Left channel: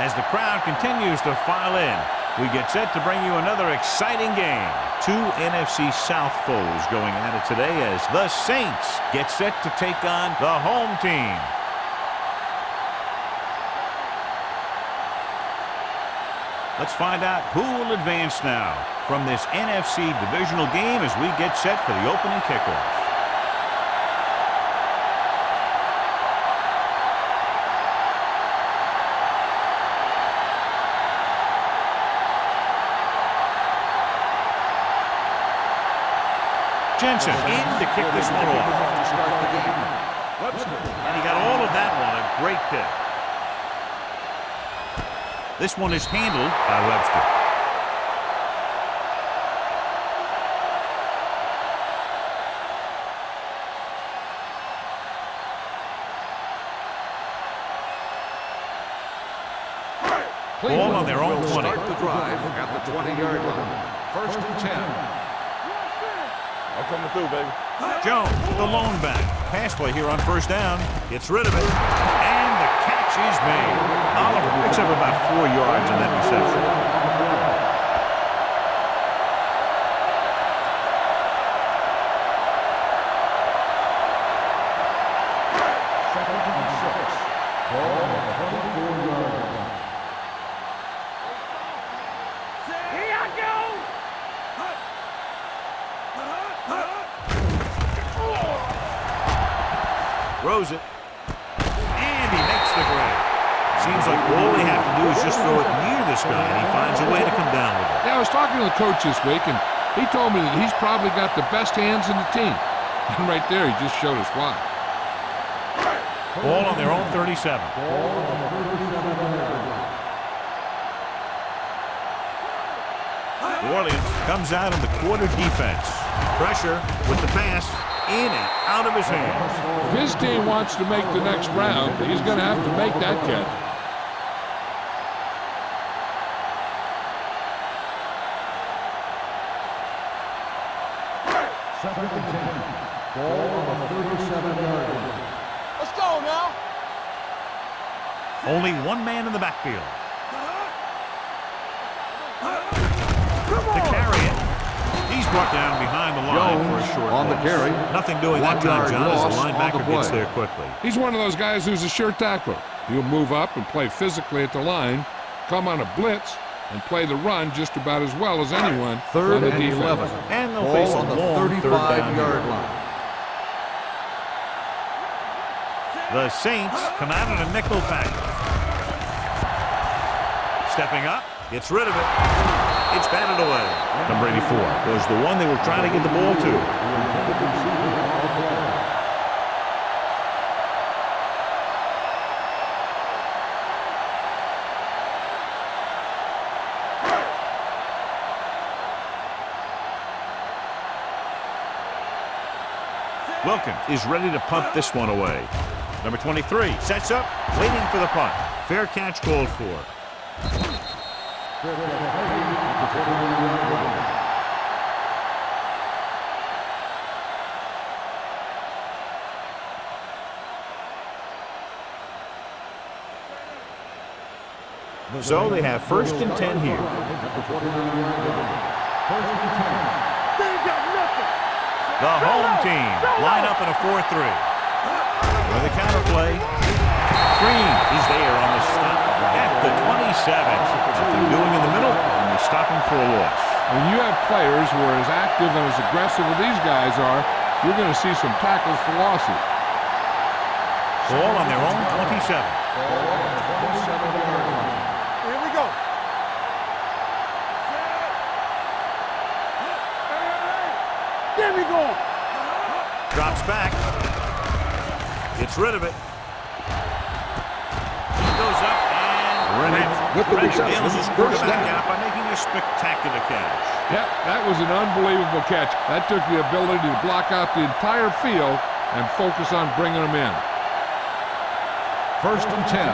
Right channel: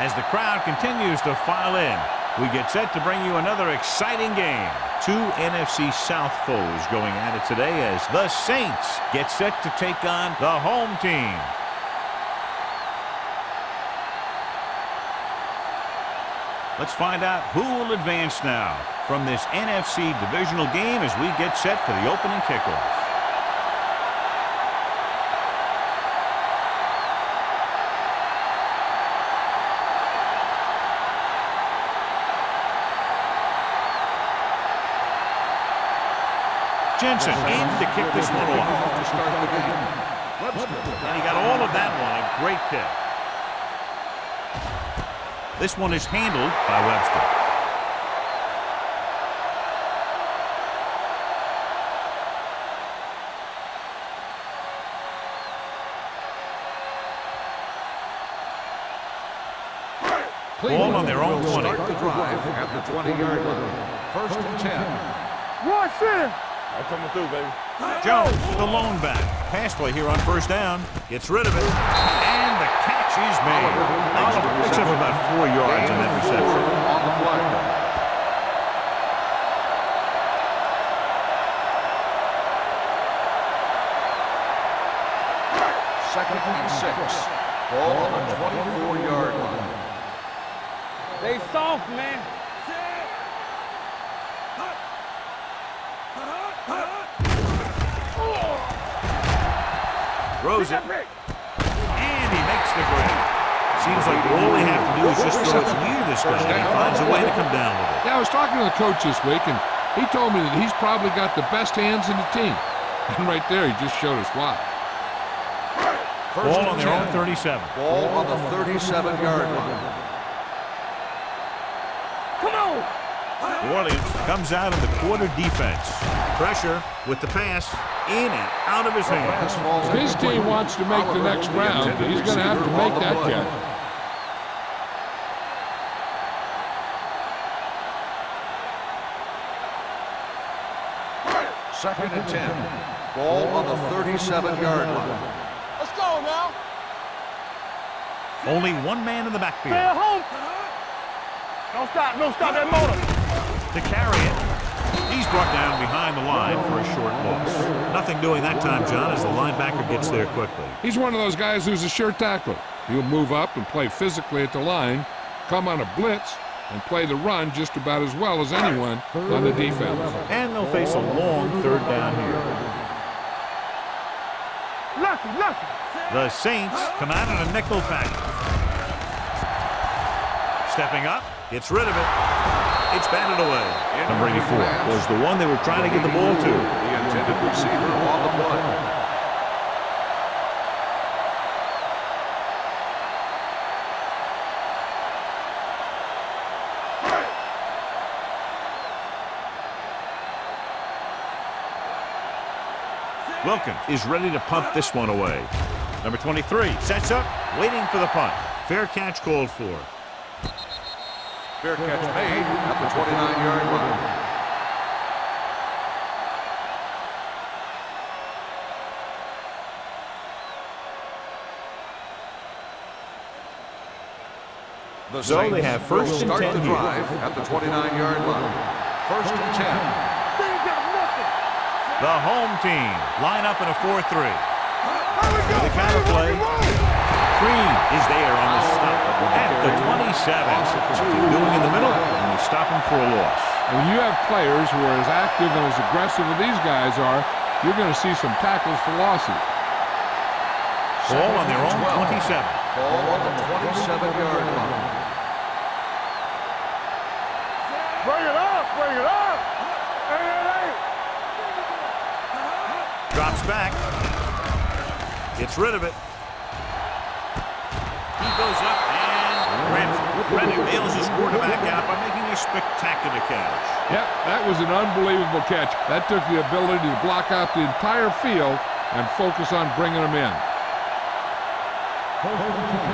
As the crowd continues to file in, we get set to bring you another exciting game. Two NFC South foes going at it today as the Saints get set to take on the home team. Let's find out who will advance now from this NFC divisional game as we get set for the opening kickoff. Jensen in to kick this one off. To start the game. Webster. And he got all of that one. A great kick. This one is handled by Webster. Ball on their own 20. Start the drive at the 20-yard line. 1st and 10. I'm coming through, baby. Jones, the lone back. Pass play here on 1st down. Gets rid of it. And the catch is made. Oliver picks up about 4 yards on that reception. Second and 6. Ball on the 24-yard line. They soft, man. Here I go. Throws it. And he makes the grab. Seems like all they have to do is just throw it near this guy, and he finds a way to come down with it. Yeah, I was talking to the coach this week, and he told me that he's probably got the best hands in the team. And right there, he just showed us why. Ball on their own 37. Ball on the 37-yard line. New Orleans comes out in the quarter defense. Pressure with the pass. In and out of his hands. If his team wants to make the next round, he's going to have to make that catch. Second and 10. Ball on the 37-yard line. Let's go now. Only one man in the backfield. Don't stop that motor. To carry it. He's brought down behind the line for a short loss. Nothing doing that time, John, as the linebacker gets there quickly. He's one of those guys who's a sure tackler. He'll move up and play physically at the line, come on a blitz, and play the run just about as well as anyone on the defense. And they'll face a long 3rd down here. The Saints come out in a nickel package. Stepping up, gets rid of it. It's batted away. Number 84 was the one they were trying to get the ball to. The intended receiver on the play. Wilkins is ready to punt this one away. Number 23 sets up, waiting for the punt. Fair catch called for. Fair catch made at the 29-yard line. So they have 1st and 10 here. At the 29-yard line. 1st and 10. They ain't got nothing. The home team line up in a 4-3. With a counter play, Green is there on the stop at the 27. Nothing doing in the middle, and they stop him for a loss. When you have players who are as active and as aggressive as these guys are, you're going to see some tackles for losses. Ball on their own 27. Ball on the 27-yard line. Here we go. Bring it up. Hey. Get me going. Drops back. Gets rid of it. He goes up and grabs it. Reddick nails his quarterback out by making a spectacular catch. Yep, that was an unbelievable catch. That took the ability to block out the entire field and focus on bringing them in. 1st and 10.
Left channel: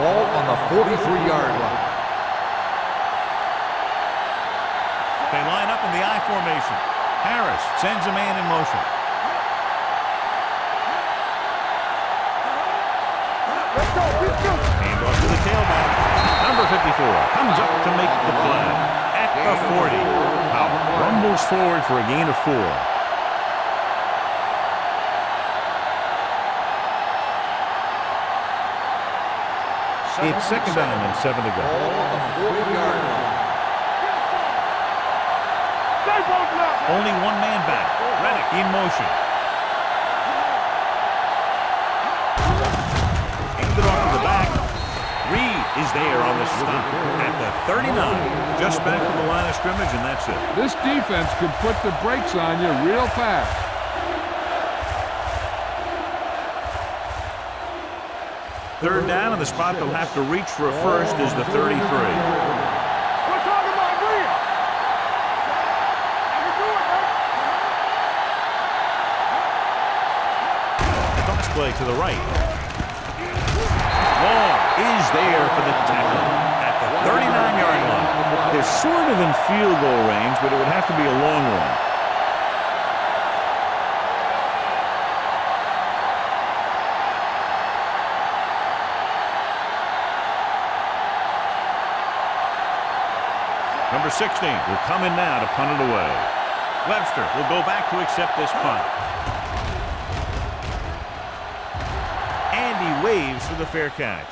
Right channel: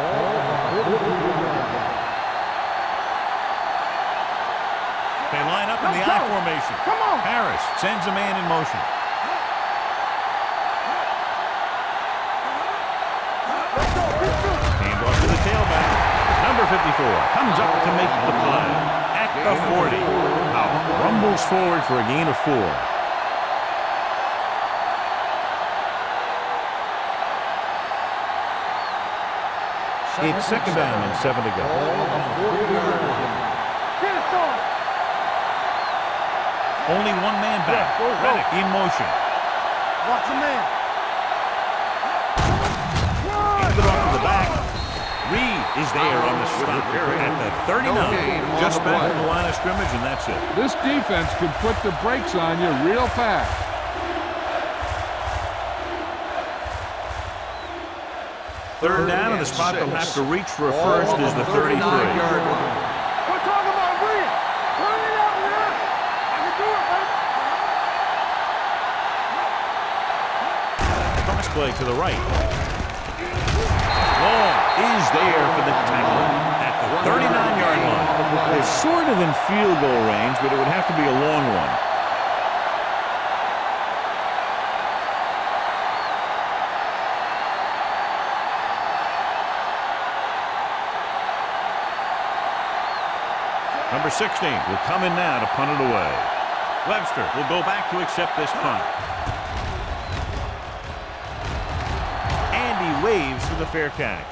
Ball on the 43-yard line. They line up in the I formation. Harris sends a man in motion. Hand off to the tailback. Number 54 comes up to make the play at the 40. Powell rumbles forward for a gain of 4. It's second down and 7 to go. Ball on the 40-yard line. Get it, son. Stay both now. Only one man back. Reddick in motion. Hands it off to the back. Reed is there on the stop at the 39. Just back to the line of scrimmage, and that's it. This defense can put the brakes on you real fast. Third down, and the spot they'll have to reach for a first is the 33. We're talking about Reed. I can do it, baby. Cross play to the right. Long is there for the tackle at the 39-yard line. They're sort of in field goal range, but it would have to be a long one. Number 16 will come in now to punt it away. Webster will go back to accept this punt. And he waves for the fair catch.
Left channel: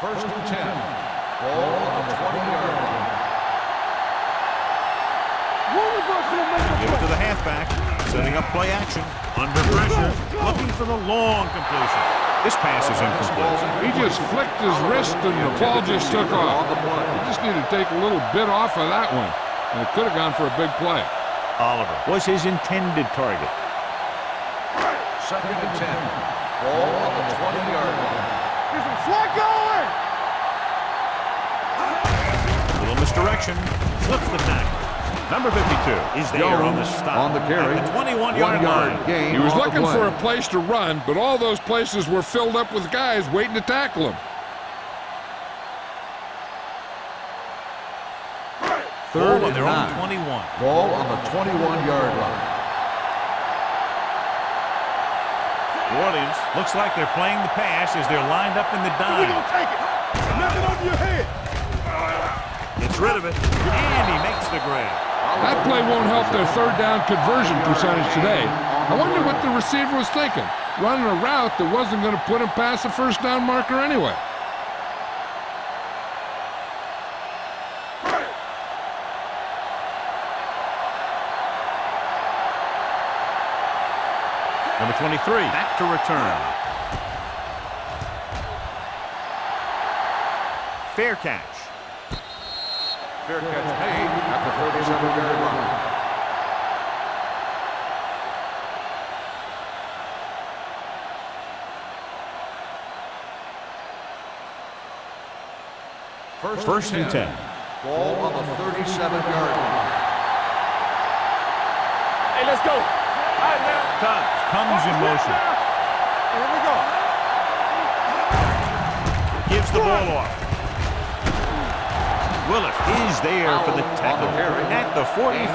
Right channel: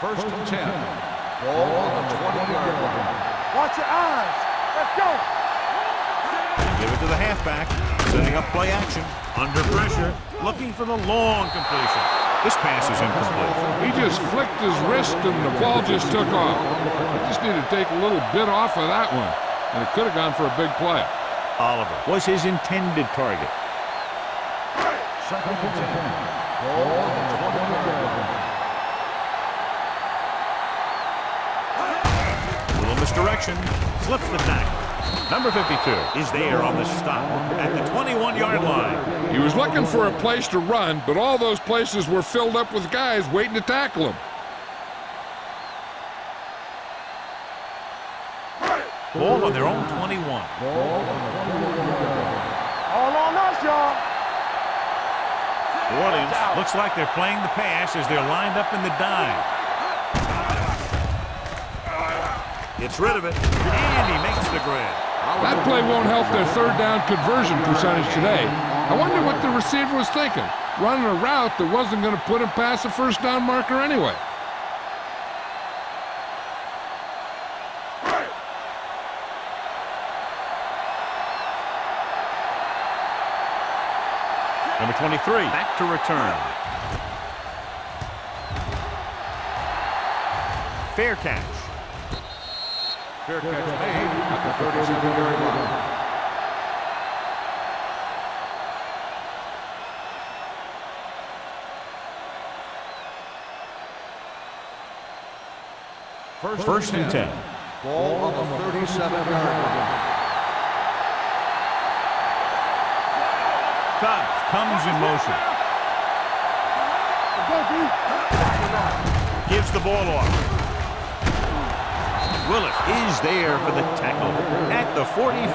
First and 10. Ball on the 20-yard line. Watch your eyes. Let's go. They give it to the halfback, setting up play action. Under pressure, looking for the long completion. This pass is incomplete. He just flicked his wrist and the ball just took off. He just needed to take a little bit off of that one, and it could have gone for a big play. Oliver was his intended target. Second and 10. Ball on the 20-yard line. Get some slack going. Little misdirection, slips the tackle. Number 52 is there on the stop at the 21-yard line. He was looking for a place to run, but all those places were filled up with guys waiting to tackle him. Ball on their own 21. Ball on the 21-yard line. All on us, y'all. New Orleans looks like they're playing the pass as they're lined up in the dime. Take it. Off your head. Gets rid of it, and he makes the grab. That play won't help their third down conversion percentage today. I wonder what the receiver was thinking, running a route that wasn't going to put him past the first down marker anyway. Number 23, back to return. Fair catch. Fair catch made at the 37-yard line. First and 10. Ball on the 37-yard line. Hey, let's go. All right, now. Tubbs comes in motion. Here we go. Gives the ball off. Willis is there for the tackle at the 44.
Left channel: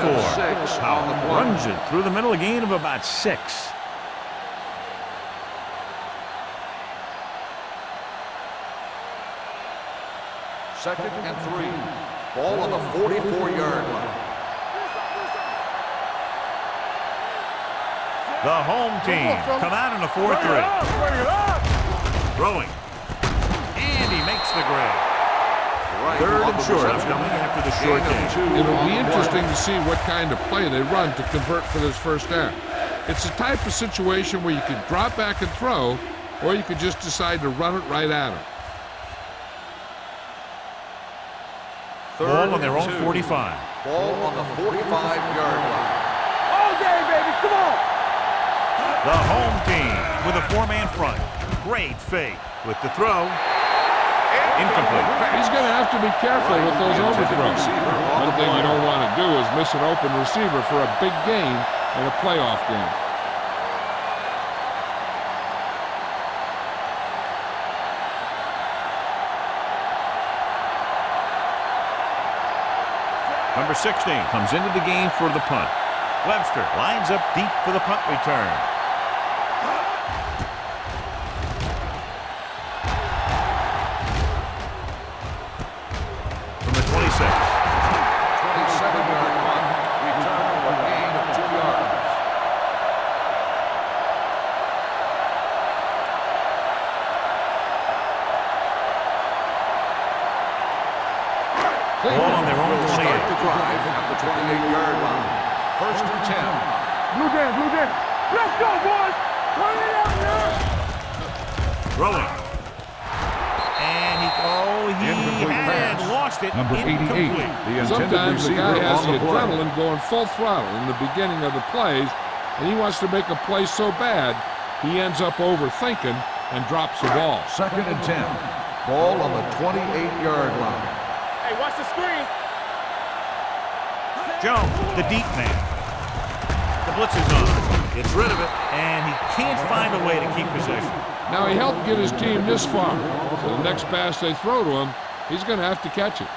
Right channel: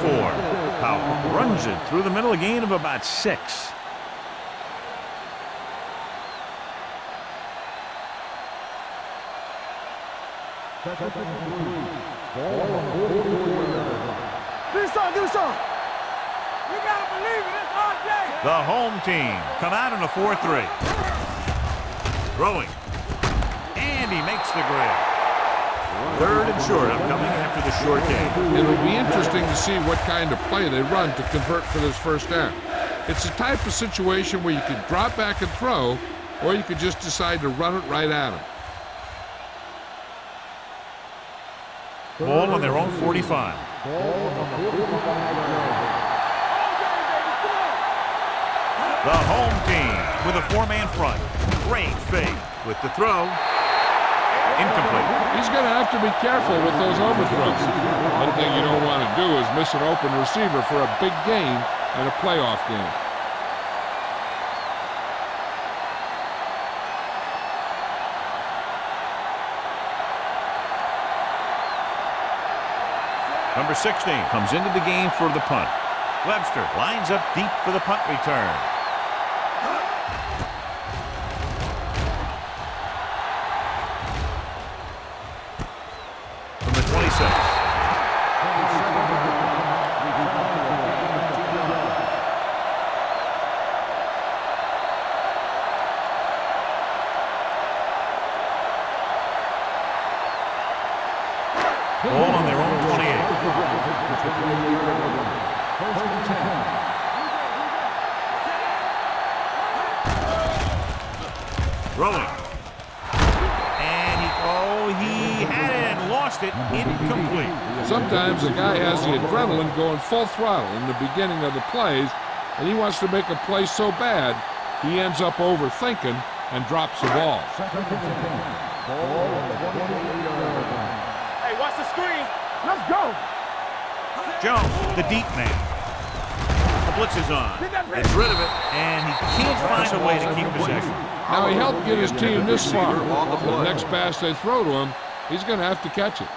Powell runs it through the middle, a gain of about 6. Second and 3. Ball on the 44-yard line. Do something. The home team come out in a 4-3. Throwing. And he makes the grab. Third and short upcoming after the short game. It'll be interesting to see what kind of play they run to convert for this first down. It's a type of situation where you could drop back and throw, or you could just decide to run it right at him. Ball on their own 45. Ball on the 45-yard line. All day, baby. Come on. The home team with a 4-man front. Great fake with the throw. Incomplete. He's going to have to be careful with those overthrows. One thing you don't want to do is miss an open receiver for a big gain in a playoff game. Number 16 comes into the game for the punt. Webster lines up deep for the punt return. From the 26. 27-yard punt, return for a gain of 2 yards. Ball on their own 28. Start the drive at the 28-yard line. First and 10. Blue game, blue game. Let's go, boys. Throwing. And he had it and lost it. Incomplete. Sometimes the guy has the adrenaline going full throttle in the beginning of the plays, and he wants to make a play so bad, he ends up overthinking and drops the ball. Second and 10. Ball on the 28-yard line. Hey, watch the screen. Let's go. Jones, the deep man. The blitz is on. Gets rid of it, and he can't find a way to keep possession. Now he helped get his team this far, so the next pass they throw to him, he's going to have to catch it.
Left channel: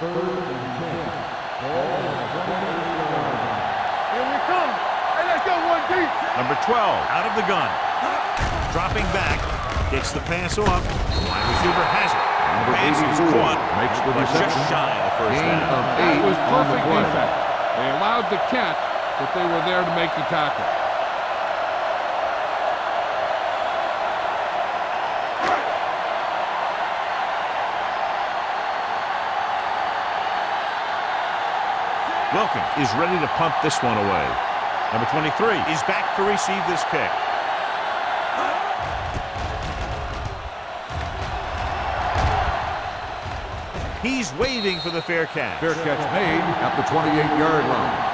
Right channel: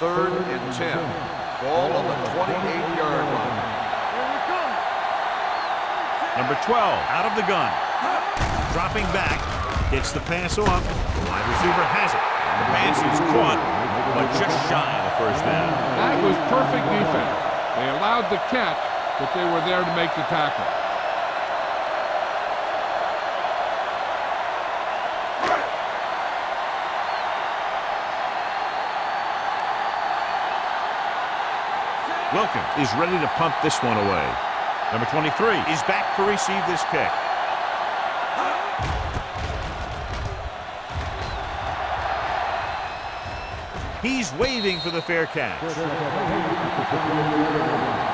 Third and 10. Ball on the 28-yard line. Here we come. Hey, let's get one deep. Number 12 out of the gun. Dropping back. Gets the pass off. The wide receiver has it. The pass is caught, but just shy of the first down. That was perfect defense. They allowed the catch, but they were there to make the tackle. Wilkins is ready to punt this one away. Number 23 is back to receive this kick. He's waving for the fair catch. Fair catch made at the 28-yard line.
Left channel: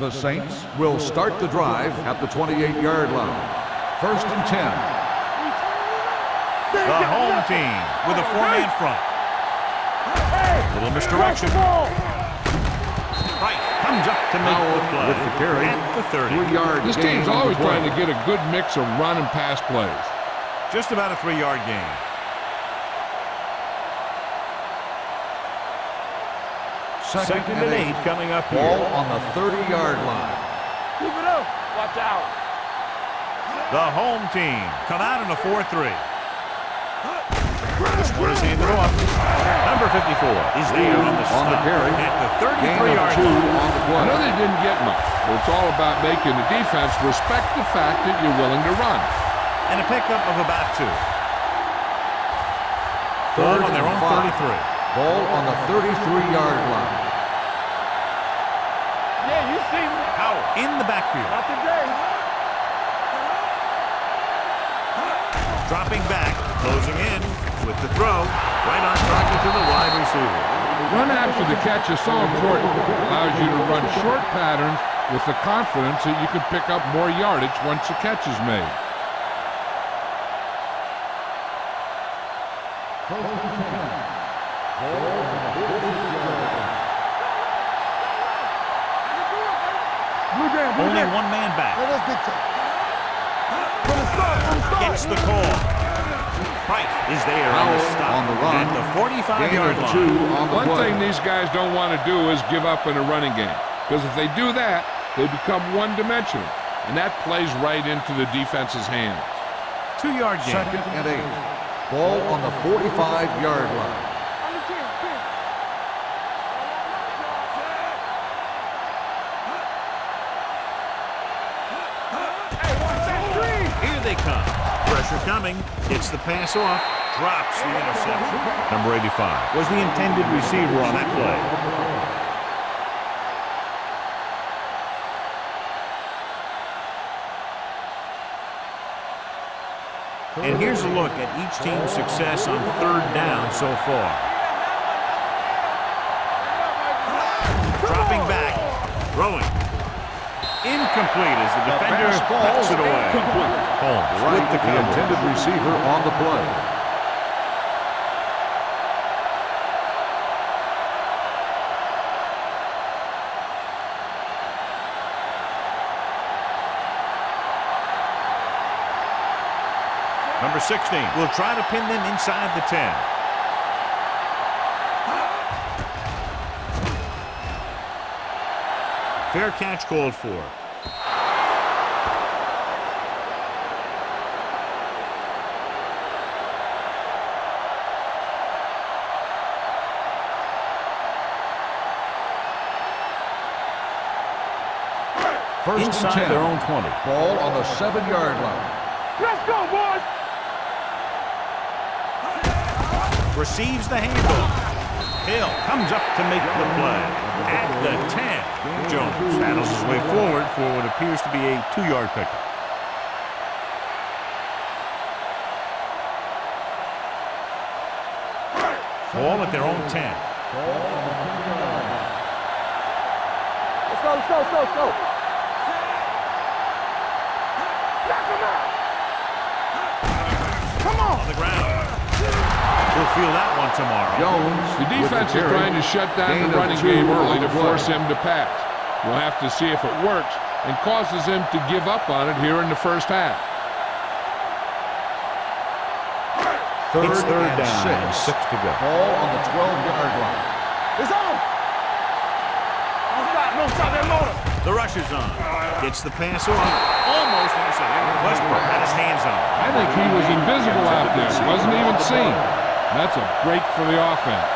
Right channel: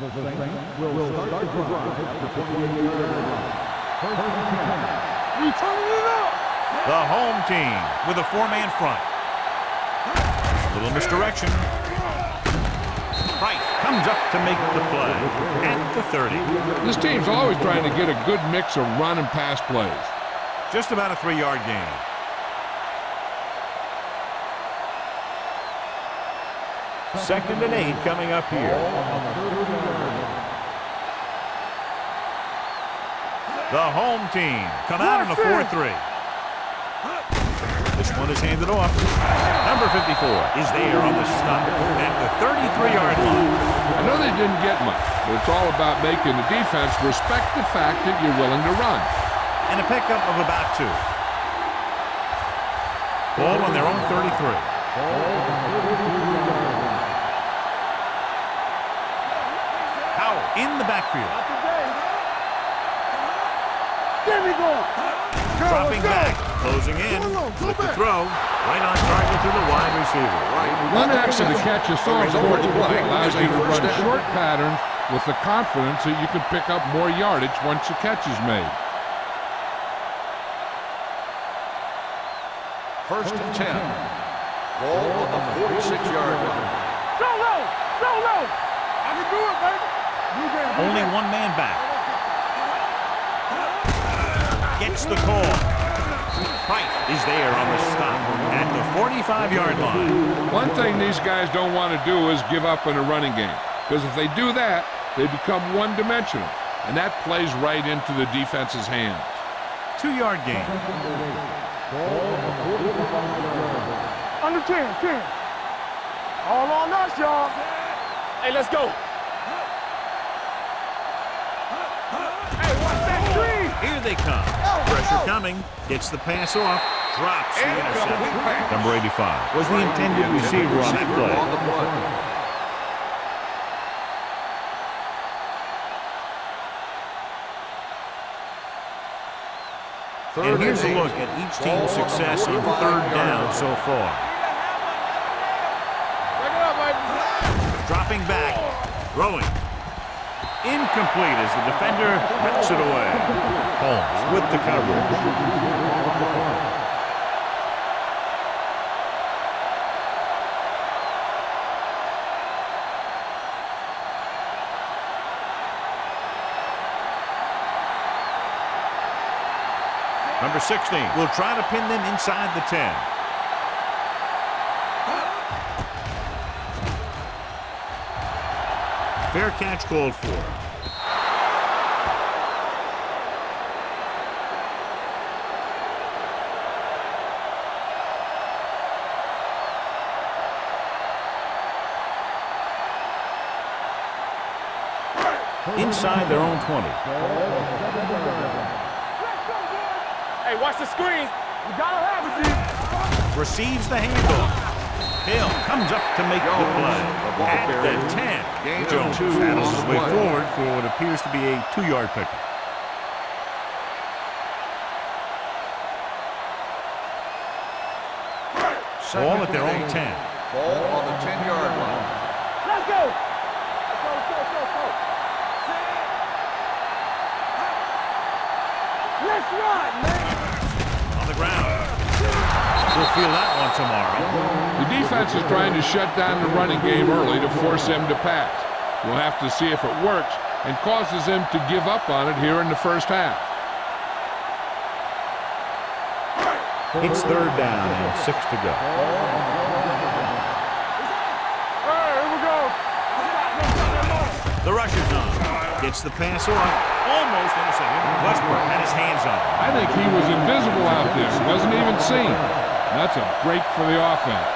The Saints will start the drive at the 28-yard line. First and 10. We turning it up. The home team with a four-man front. Little misdirection. Price comes up to make the play at the 30. This team's always trying to get a good mix of run and pass plays. Just about a 3-yard gain. Second and 8 coming up here. Ball on the 30-yard line. Keep it up. Watch out. The home team come out in a 4-3. This one is handed off. Number 54 is there on the stop at the 33-yard line. I know they didn't get much, but it's all about making the defense respect the fact that you're willing to run. And a pickup of about 2. Ball on their own 33. Ball on the 33-yard line. Yeah, you see that. Howell in the backfield. Not today. There we go. Dropping back, closing in, with the throw, right on target to the wide receiver. Run after the catch is so important. It allows you to run short patterns with the confidence that you can pick up more yardage once the catch is made. First and 10. Ball on the 46-yard line. Go, roll. Go, roll. I can do it, baby. Blue game, blue Only game. one man back. Let us dictate. Gets the call. Price is there on the stop at the 45-yard line. One thing these guys don't want to do is give up in a running game, because if they do that, they become one-dimensional, and that plays right into the defense's hands. 2-yard gain. Second and 8. Ball on the 45-yard line. Under 10, 10. All on us, y'all. Hey, let's go. Hey, watch that screen. Here they come. Pressure coming. Gets the pass off. Drops the interception. Number 85 was the intended receiver on that play. On the play. And here's a look at each team's success on 3rd down so far. Check it out, baby. Dropping back. Throwing. Incomplete as the defender backs it away. Holmes with the coverage. Intended receiver on the play. Number 16 will try to pin them inside the 10. Fair catch called for. Inside their own 20. Ball on the 7-yard line. Let's go, boys. Hey, watch the screen. You gotta have it. Receives the handoff. Hill comes up to make the play. At the 10. Jones saddles his way forward for what appears to be a 2-yard pickup. Ball at their own 10. Ball on the 10-yard line. Let's go. Let's go, let's go, let's go, let's go. On the ground. We'll feel that one tomorrow. The defense is trying to shut down the running game early to force him to pass. We'll have to see if it works and causes him to give up on it here in the first half. It's third down and 6 to go. Ball on the 12-yard line. It's on. All right, here we go. Don't stop that motor. The rush is on. Gets the pass off. Almost intercepted. Westbrook had his hands on it. I think he was invisible out there. Wasn't even seen. That's a break for the offense.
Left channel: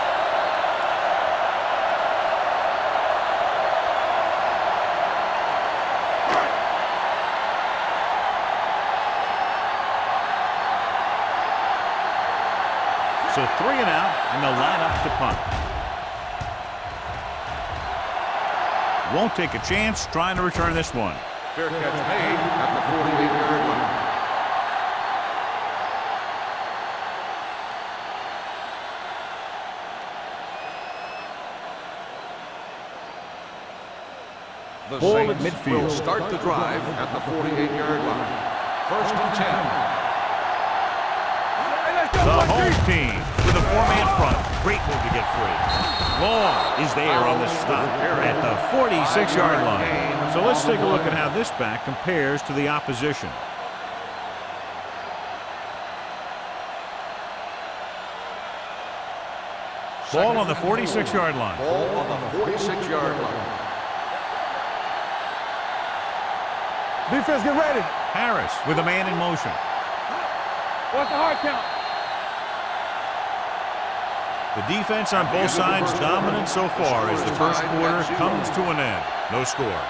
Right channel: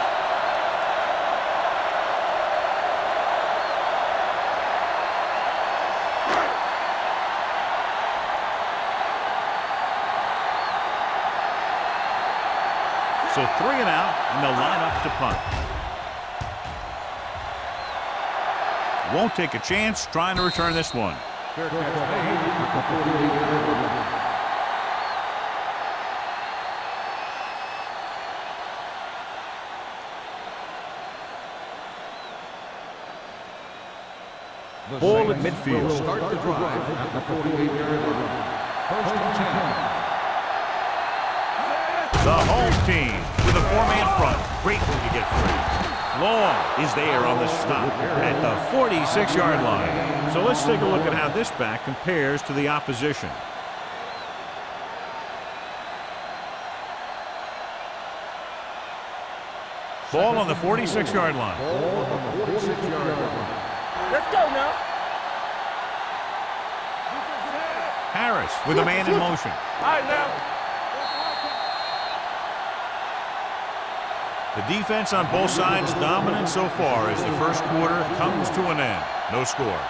So 3 and out, and they'll line up to punt. Won't take a chance trying to return this one. Fair catch made at the 48-yard line. The Ball at Saints midfield. will start the drive at the 48-yard line. First and 10. The home team with a 4-man front. Great move to get free. Long is there on the stop at the 46-yard line. So let's take a look at how this back compares to the opposition. Ball on the 46-yard line. Ball on the 46-yard line. Let's go now. Defense, get ready. Harris with a man in motion. All right, now. What's the hard count? The defense on both sides dominant so far as the first quarter comes to an end. No score.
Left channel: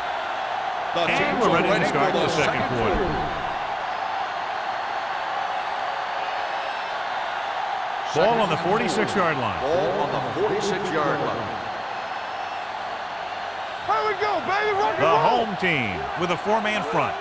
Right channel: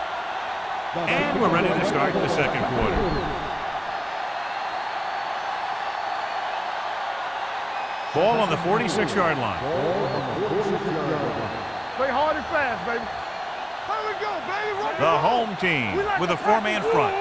And we're ready to start the second quarter. Ball on the 46-yard line. Ball on the 46-yard line. Play hard and fast, baby. Here we go, baby. Rock and The roll. home team with a 4-man front.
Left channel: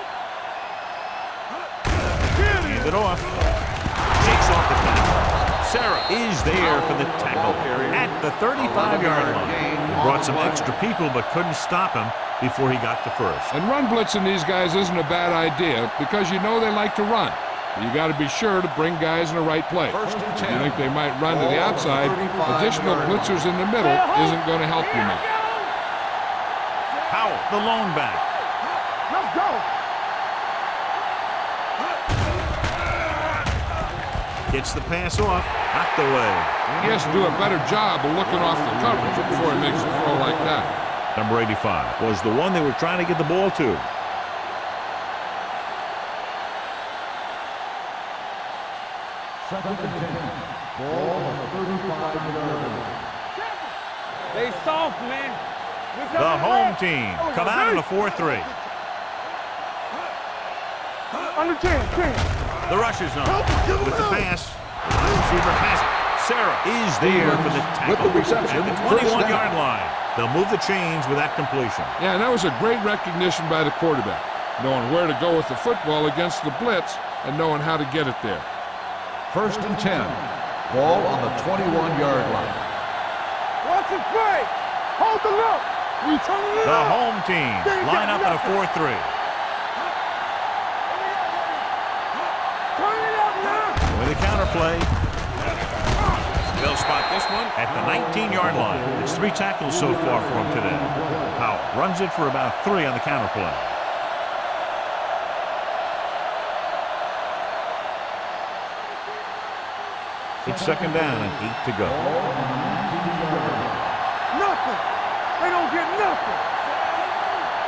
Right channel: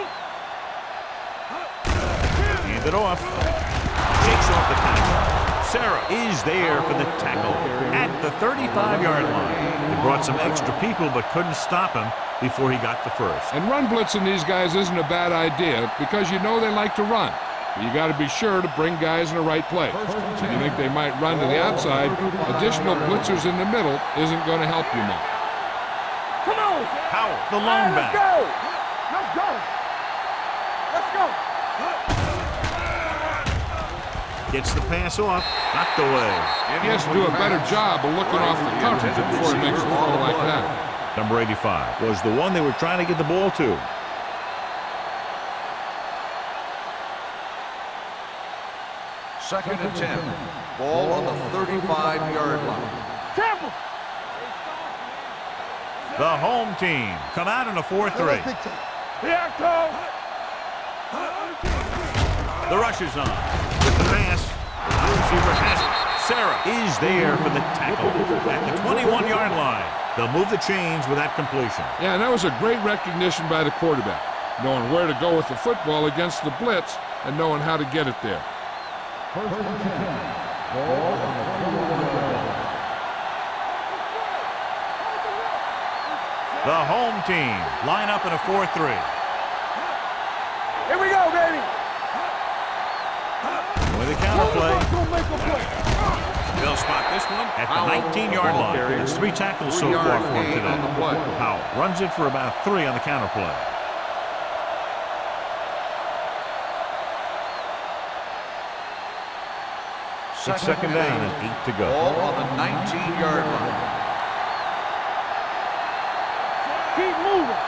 Hand it off. Shakes off the tackle. Sarah is there for the tackle at the 35-yard line. They brought some extra people but couldn't stop him before he got the first. And run blitzing these guys isn't a bad idea because you know they like to run. But you got to be sure to bring guys in the right place. First and If you 10. think they might run to the outside, additional blitzers in the middle isn't going to help you much. Come on, Sam. Powell, the lone back. Let's go. Gets the pass off, knocked away. He has to do a better job of looking off the coverage before he makes a throw like that. Number 85 was the one they were trying to get the ball to. Second and 10. Ball on the 35-yard line. They soft, man. The home team come out in a 4-3. Here I come. Under 10. The rush is on. With the pass, the wide receiver has it. Sarah is there for the tackle at the 21-yard line. They'll move the chains with that completion. Yeah, and that was a great recognition by the quarterback, knowing where to go with the football against the blitz and knowing how to get it there. First and 10. Ball on the 21-yard line. Watch the play. Hold the look. The home team line up in a 4-3. Here we go, baby. Turn it up. With a counterplay, they'll spot this one at the 19-yard line. It's 3 tackles so far for him today. Powell runs it for about 3 on the counterplay. 2 It's second down and 8 to go. Ball on the 19-yard line. Nothing. They don't get nothing. Keep moving.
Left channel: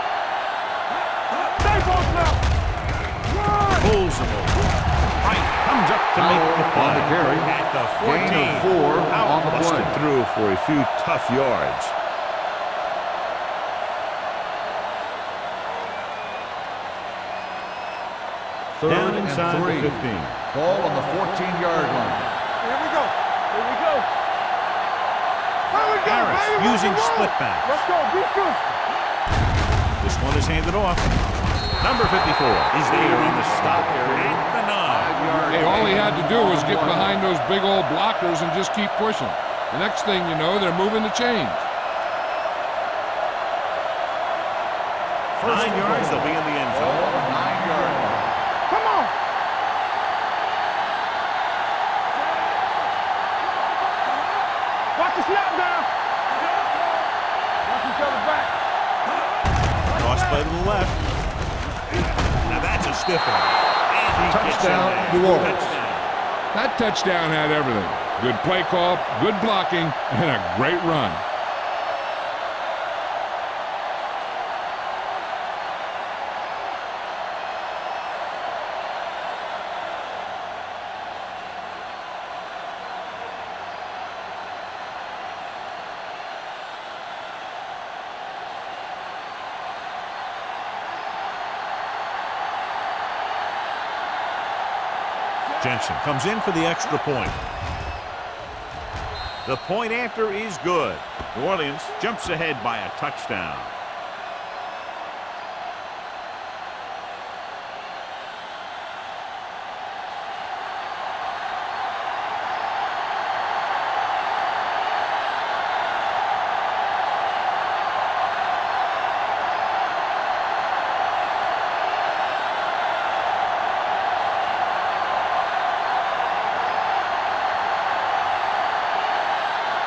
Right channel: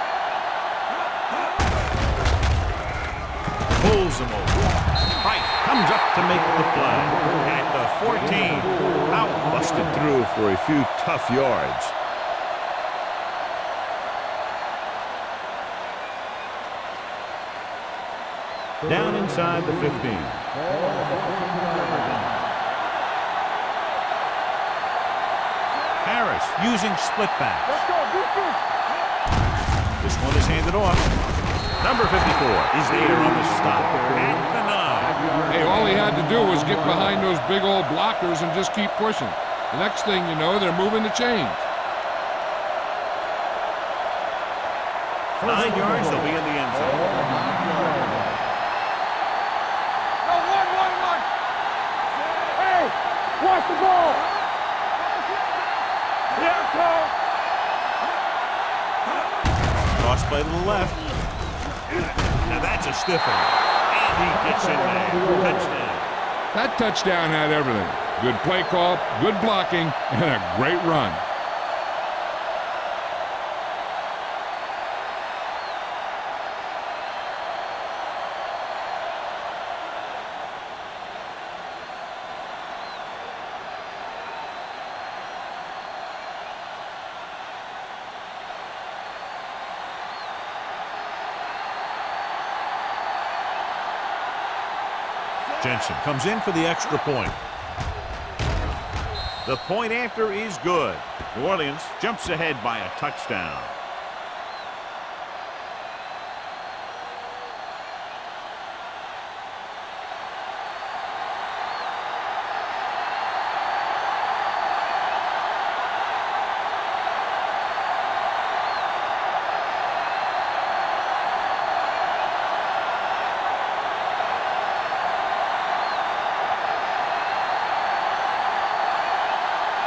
Pulls him over. Price comes up to make the play. At the 14. Out, busted through for a few tough yards. Down inside the 15. Ball on the 14-yard line. Here we go. Harris using split backs. Let's go. Be physical. This one is handed off. Number 54 is there on the stop at the 9. Hey, all he had to do was get behind those big old blockers and just keep pushing. The next thing you know, they're moving the chains. 9 yards, they'll be in the end Ball zone. on the 9-yard line. Come on. Hey, watch the ball. Watch the snap down. Yeah, Cole. Cross play to the left. Now that's a stiff one. And he gets in there. Touchdown. That touchdown had everything. Good play call, good blocking, and a great run. Jensen comes in for the extra point. The point after is good. New Orleans jumps ahead by a touchdown.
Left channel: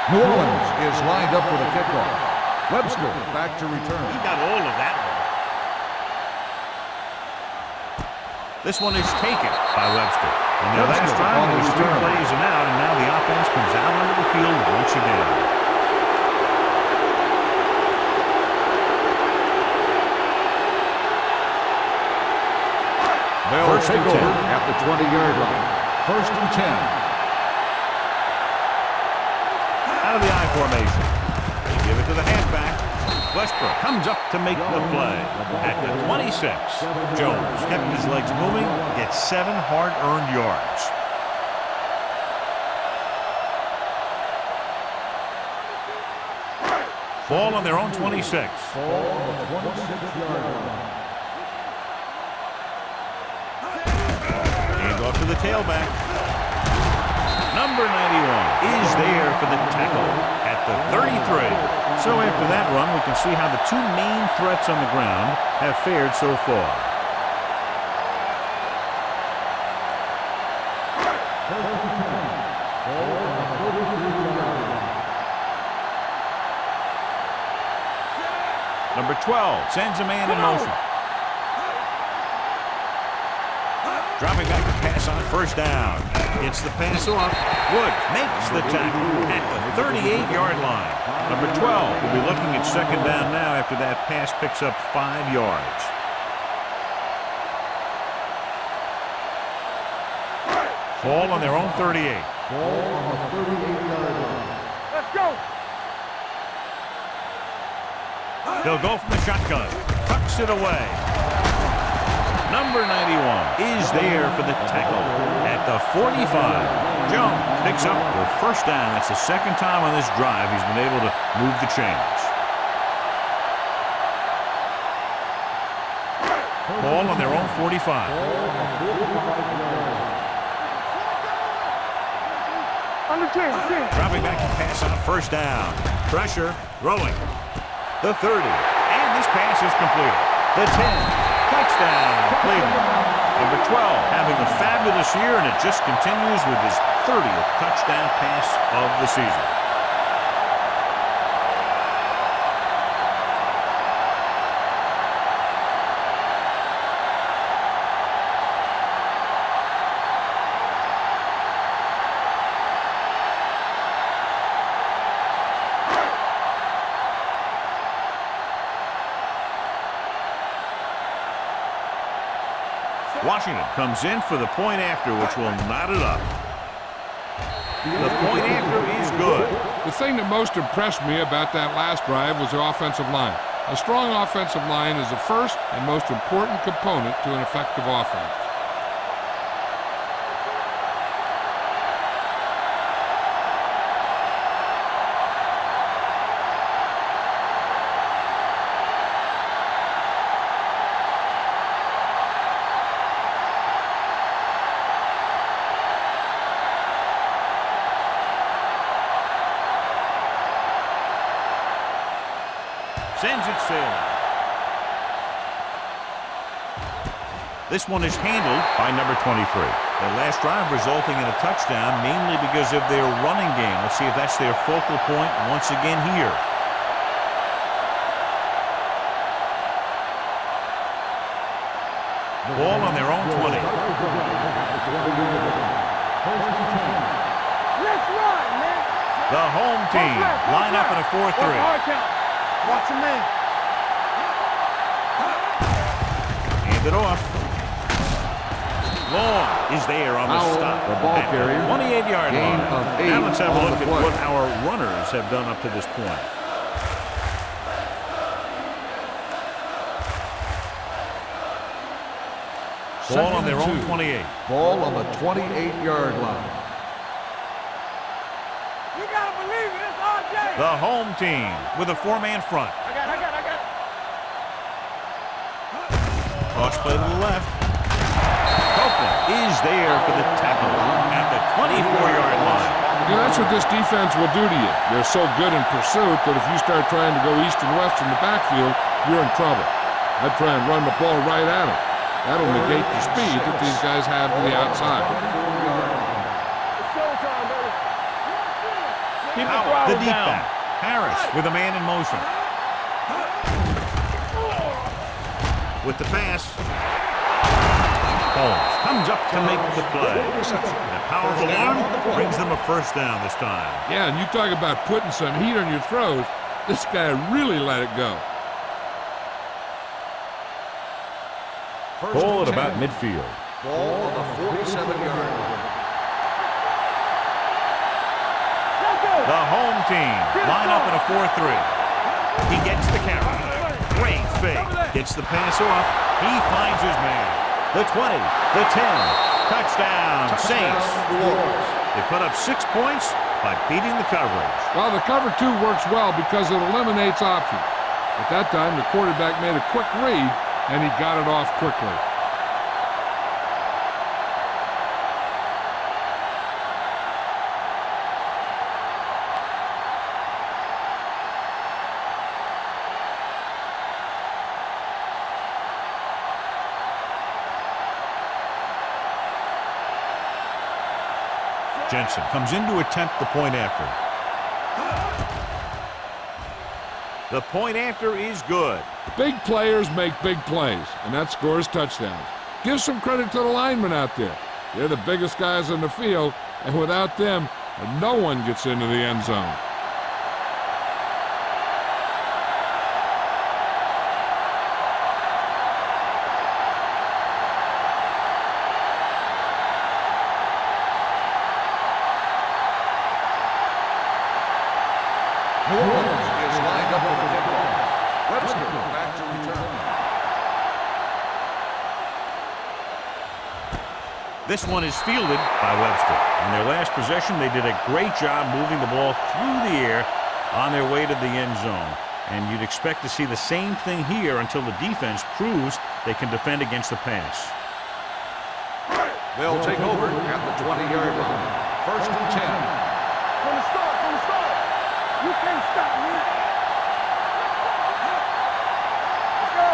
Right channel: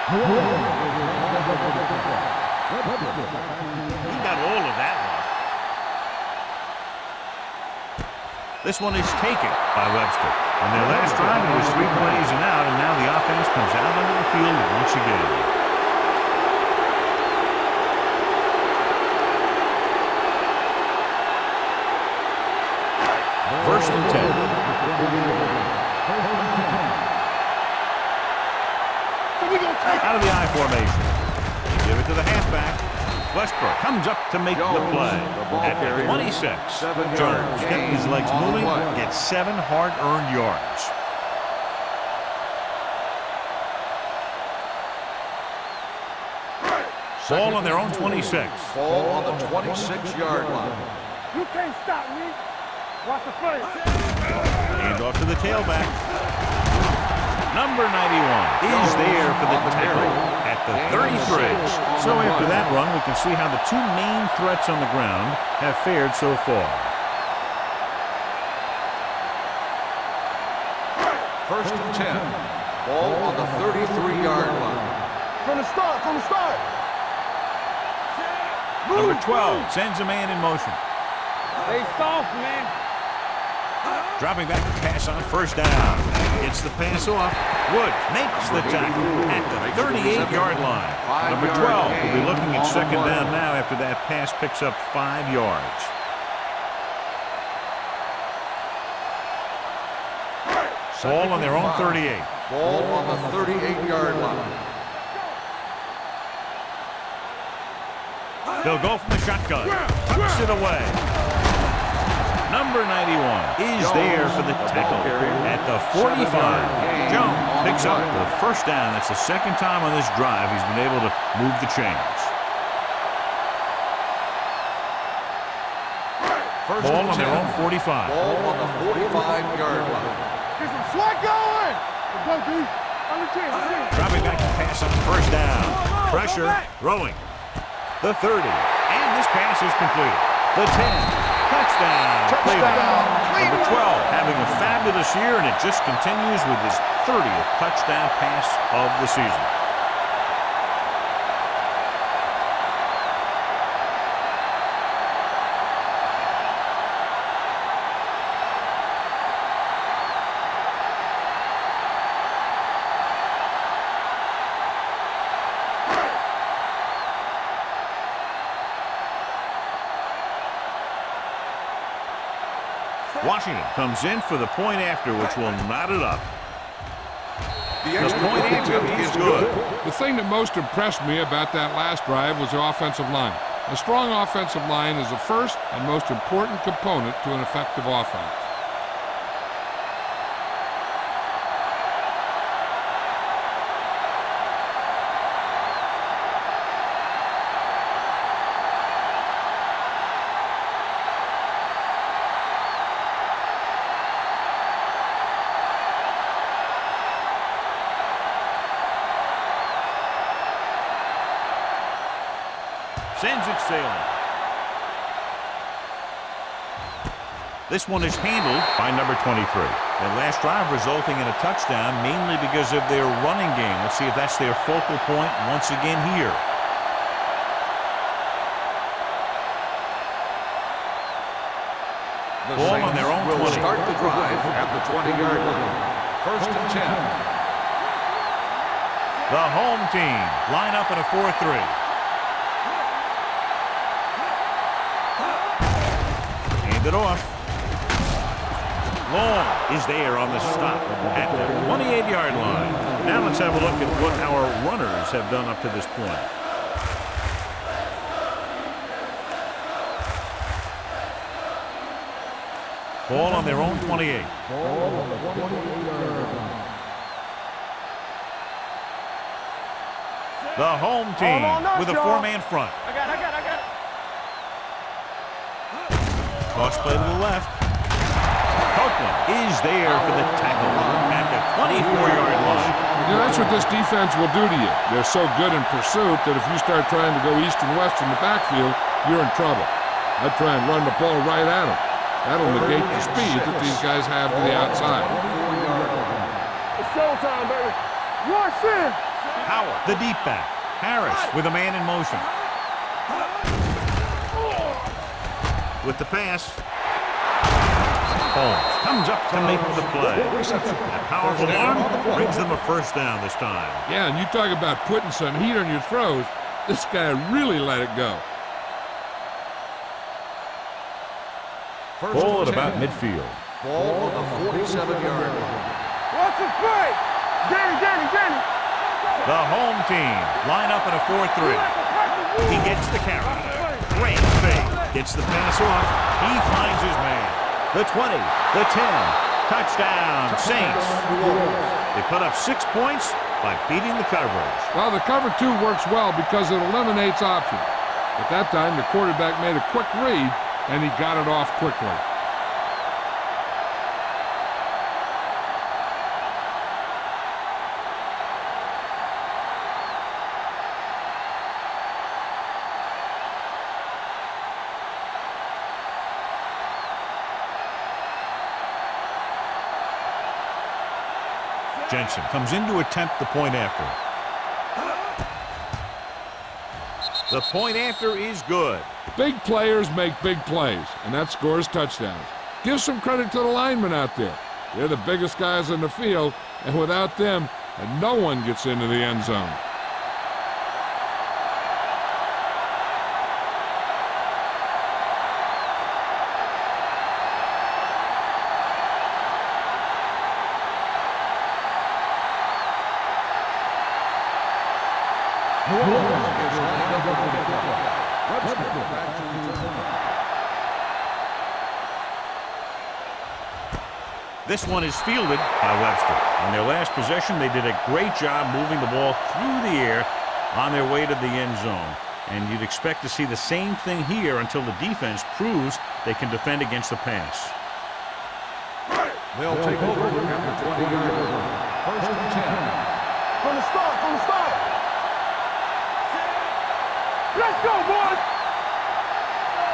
New Orleans is lined up for the kickoff. Webster back to return. He got all of that one. This one is taken by Webster. On their last drive, it was 3 plays and out, and now the offense comes out onto the field once again. First and 10. At the 20-yard line. First and 10. Out of the I formation. They give it to the halfback. Westbrook comes up to make the play. At the 26, Jones kept his legs moving, gets 7 hard-earned yards. Ball on their own 26. Ball on the 26-yard line. You can't stop me. Watch the play. Hand off to the tailback. Number 91 is there for the tackle at the 33. So after that run, we can see how the 2 main threats on the ground have fared so far. First and 10. Ball on the 33-yard line. From the start, from the start. Number 12 sends a man in motion. Hey, soft, man. Dropping back to pass on first down. Gets the pass off. Woods makes the tackle at the 38-yard line. Number 12 will be looking at second down now after that pass picks up 5 yards. Ball on their own 38. Ball on the 38-yard line. Let's go. They'll go from the shotgun. Tucks it away. Number 91 is there for the tackle at the 45. Jones picks up the first down. That's the second time on this drive he's been able to move the chains. Ball on their own 45. Ball on the 45-yard line. Swat going. Let's go, D. Under 10. Dropping back to pass on first down. Pressure, throwing. The 30. And this pass is completed. The 10. Touchdown, Cleveland. Number 12 having a fabulous year, and it just continues with his 30th touchdown pass of the season. Washington comes in for the point after, which will knot it up. The point after is good. The thing that most impressed me about that last drive was the offensive line. A strong offensive line is the first and most important component to an effective offense. Sends it sailing. This one is handled by number 23. That last drive resulting in a touchdown mainly because of their running game. Let's see if that's their focal point once again here. Ball on their own 20. Start the drive at the 20-yard line. First and 10. The home team line up in a 4-3. Hand it off. Long is there on the stop at the 28-yard line. Now let's have a look at what our runners have done up to this point. Ball on their own 28. Ball on the 28-yard line. The home team with a four-man front. I got it. Cross play to the left. Copeland is there for the tackle at the 24-yard line. You know, that's what this defense will do to you. They're so good in pursuit that if you start trying to go east and west in the backfield, you're in trouble. I'd try and run the ball right at them. That'll negate the speed that these guys have to the outside. It's showtime, baby. Watch this. Howard, the deep back. Harris with a man in motion. With the pass. Holmes comes up to make the play. That powerful arm brings them a first down this time. Yeah, and you talk about putting some heat on your throws. This guy really let it go. Ball at about midfield. Ball on the 47-yard line. Watch this play. Danny. Let's go. The home team line up in a 4-3. He gets the carry. Great fake. Gets the pass off. He finds his man. The 20, the 10. Touchdown, Saints. They put up 6 points by beating the coverage. Well, the cover 2 works well because it eliminates options. At that time, the quarterback made a quick read, and he got it off quickly. Jensen comes in to attempt the point after. The point after is good. Big players make big plays, and that scores touchdowns. Give some credit to the linemen out there. They're the biggest guys in the field, and without them, no one gets into the end zone. New Orleans is lined up for the kickoff. Webster back to return. This one is fielded by Webster. On their last possession, they did a great job moving the ball through the air on their way to the end zone. And you'd expect to see the same thing here until the defense proves they can defend against the pass. They'll take over at the 20-yard line. First and 10. From the start. You can't stop me. Let's go, boys. Let's go.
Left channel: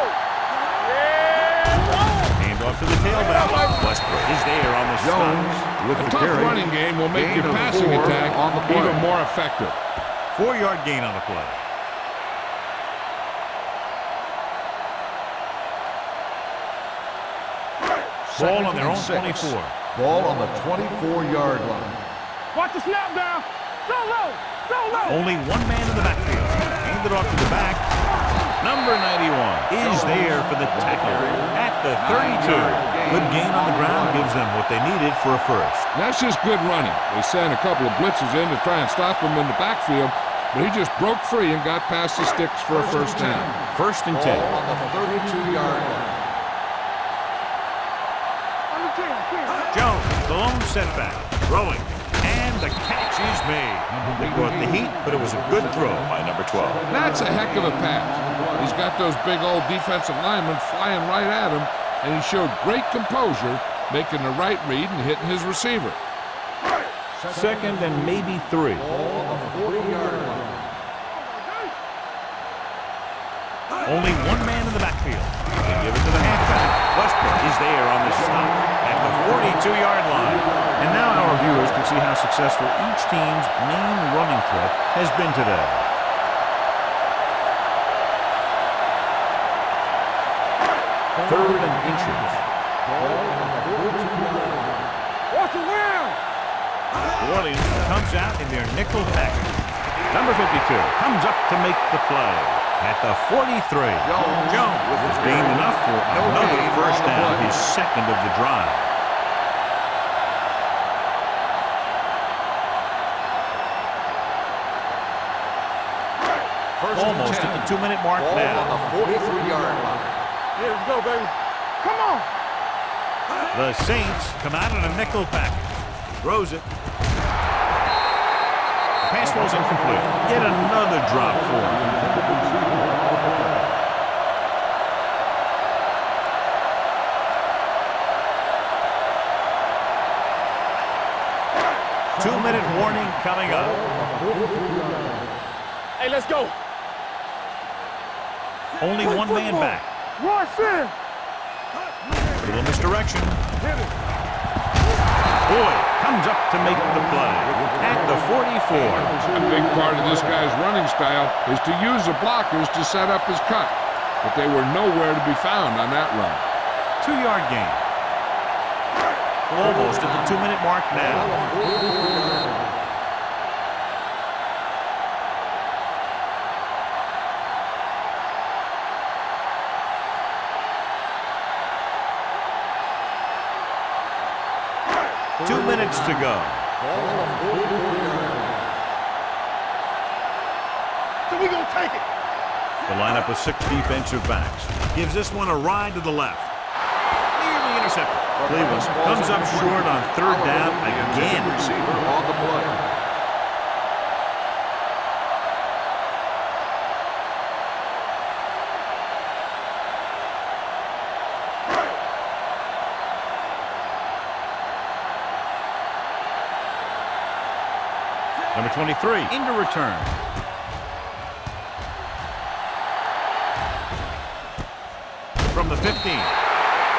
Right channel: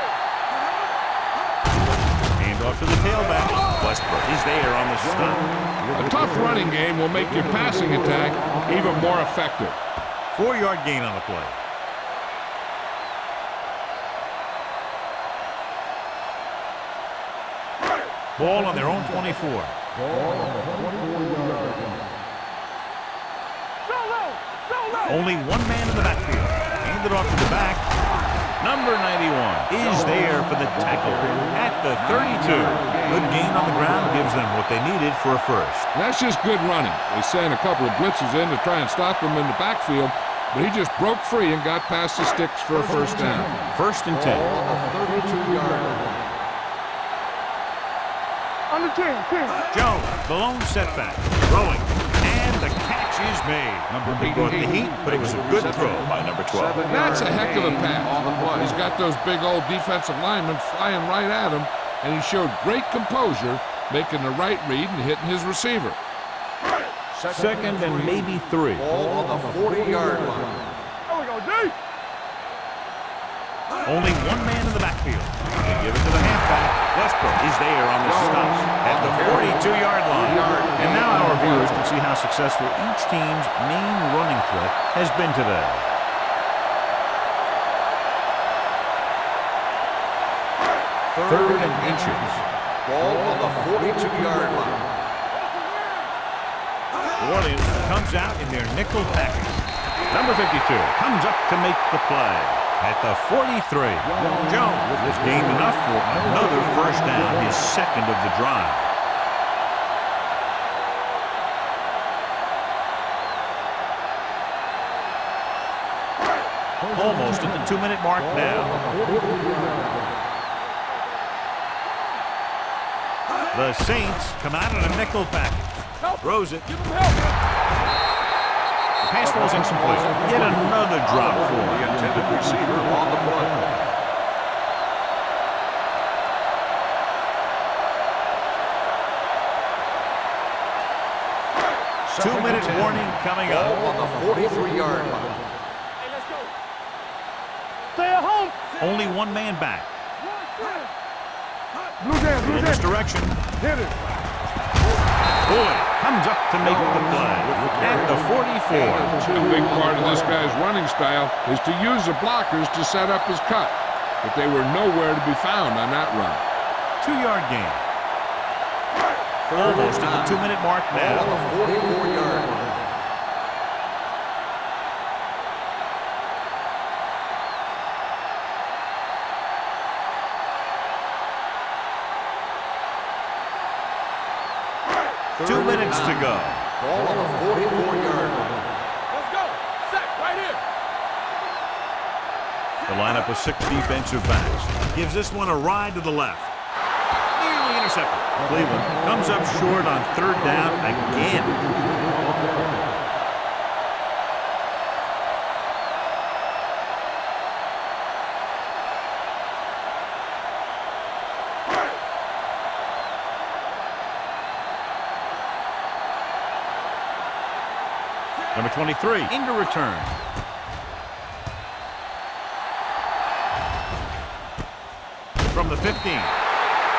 Hand off to the tailback. Westbrook is there on the stop. A tough running game will make your passing attack even more effective. 4-yard gain on the play. Ball on their own 24. Ball on the 24-yard line. Watch the snap down. So low. Only one man in the backfield. Hand it off to the back. Number 91 is there for the tackle at the 32. Good gain on the ground gives them what they needed for a first. That's just good running. They sent a couple of blitzes in to try and stop him in the backfield, but he just broke free and got past the sticks for a first down. First and 10. Ball on the 32-yard line. Under 10. Jones, the lone setback, throwing, and the catch is made. They brought the heat, but it was a good throw by number 12. That's a heck of a pass. He's got those big old defensive linemen flying right at him, and he showed great composure, making the right read and hitting his receiver. Second and maybe 3. Ball on the 40-yard line. There we go, D. Only one man in the backfield. They give it to the halfback. Westbrook is there on the stop at the 42-yard line. And now our viewers can see how successful each team's main running threat has been today. Third and inches. Ball on the 42-yard line. Watch the rim. New Orleans comes out in their nickel package. Number 52 comes up to make the play at the 43. Jones has gained enough for another first down, his second of the drive. Almost at the 2-minute mark now. On the 43-yard line. Yeah, let's go, baby. Come on. The Saints come out in a nickel package. Throws it. The pass falls incomplete. Yet another drop for him. 2-minute warning coming up. On the 43-yard line. Hey, let's go. Stay at home. Only one man back. Rush in. Blue jam, Little misdirection. Hit it. Boyd comes up to make the play at the 44. A big part of this guy's running style is to use the blockers to set up his cut, but they were nowhere to be found on that run. 2-yard gain. Almost at the 2-minute mark On now. the 44-yard line. Third 2 and minutes to 9. go. Ball on the 44-yard line. So we gonna take it. The lineup of 6 defensive backs gives this one a ride to the left. Nearly intercepted. Cleveland comes up short on 3rd down again. Receiver on the play. Number 23 into return. From the 15.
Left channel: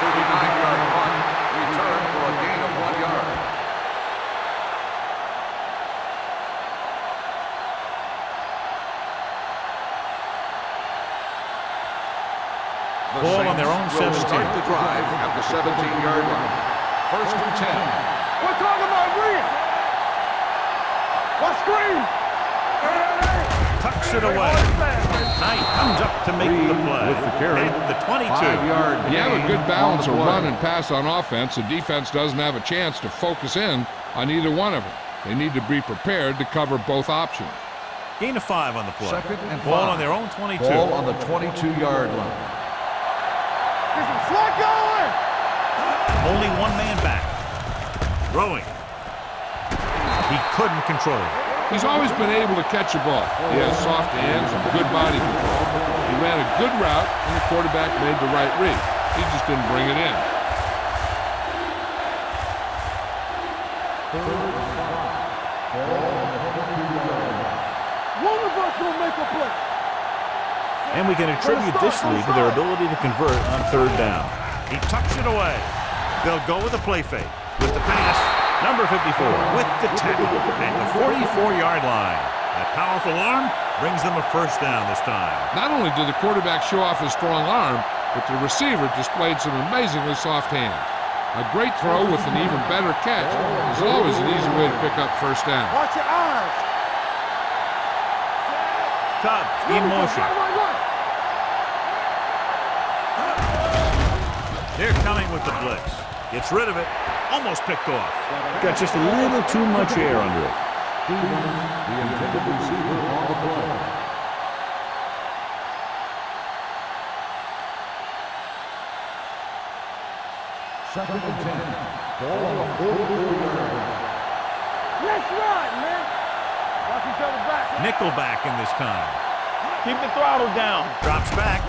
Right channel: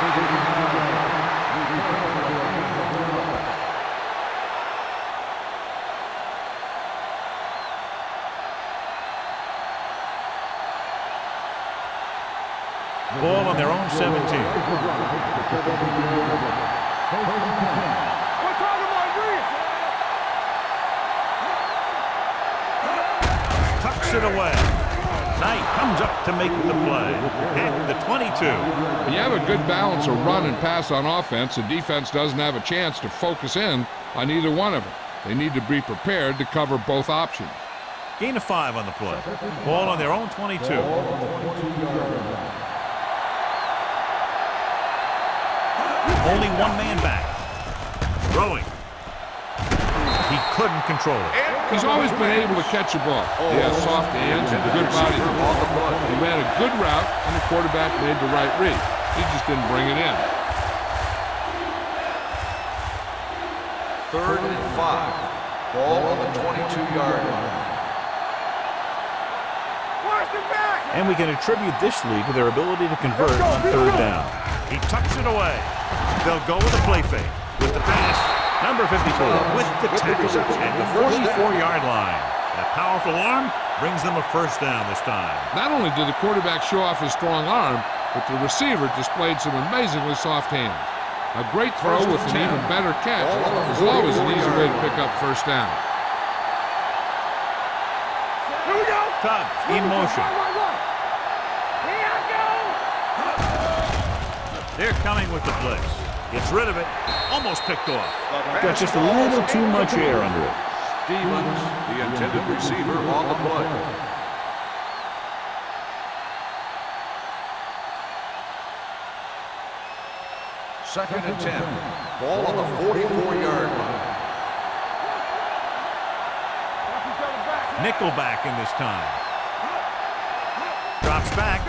39-yard line. Return for a gain of 1 yard. Ball on their own 17. The drive at the 17-yard line. First and 10. We're talking about Reed. Let's screen. Tucks it away. Knight comes up to make the play at the 22. When you have a good balance of run and pass on offense, the defense doesn't have a chance to focus in on either one of them. They need to be prepared to cover both options. Gain of 5 on the play. Second and Ball 5. on their own 22. Ball on the 22-yard line. Get some slack going. Only one man back. Throwing. He couldn't control it. He's always been able to catch a ball. He has soft hands and good body control. He ran a good route, and the quarterback made the right read. He just didn't bring it in. 3rd and 5. Ball on the 22-yard line. One of us gonna make a play. Where's the back? And we can attribute this lead to their ability to convert on 3rd down. He tucks it away. They'll go with a play fake. With the pass, number 54 with the tackle at the 44-yard line. That powerful arm brings them a first down this time. Not only did the quarterback show off his strong arm, but the receiver displayed some amazingly soft hands. A great throw with an even better catch is always an easy way to pick up first down. Watch your eyes. Here we go. Tubbs in motion. Right. They're coming with the blitz. Gets rid of it. Almost picked off. Got just a little too much air under it. Stevens, the intended receiver on the play. Second and 10. Ball on the 44-yard line. Watch each other back. Nickelback in this time. Keep the throttle down. Drops back.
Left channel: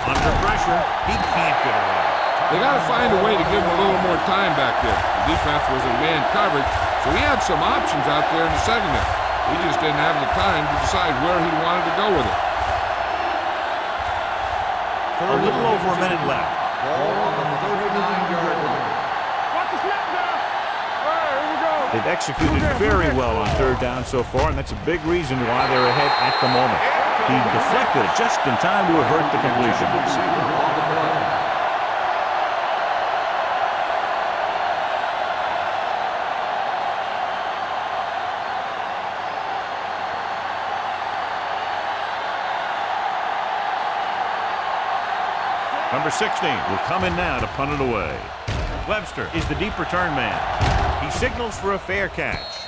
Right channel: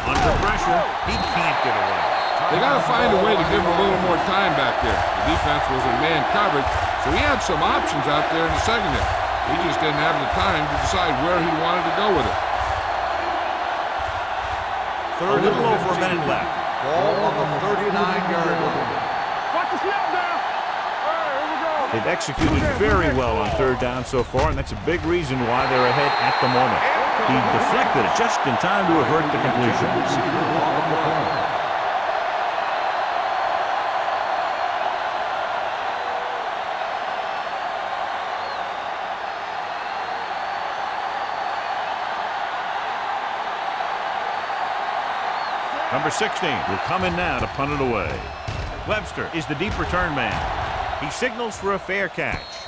Under pressure. He can't get away. They got to find a way to give him a little more time back there. The defense was in man coverage, so he had some options out there in the secondary. He just didn't have the time to decide where he wanted to go with it. A little over a minute left. Ball on the 39-yard line. Watch the snap down. All right, here we go. They've executed very well on third down so far, and that's a big reason why they're ahead at the moment. He deflected it just in time to avert the completion. Receiver on the play. Number 16 will come in now to punt it away. Webster is the deep return man. He signals for a fair catch.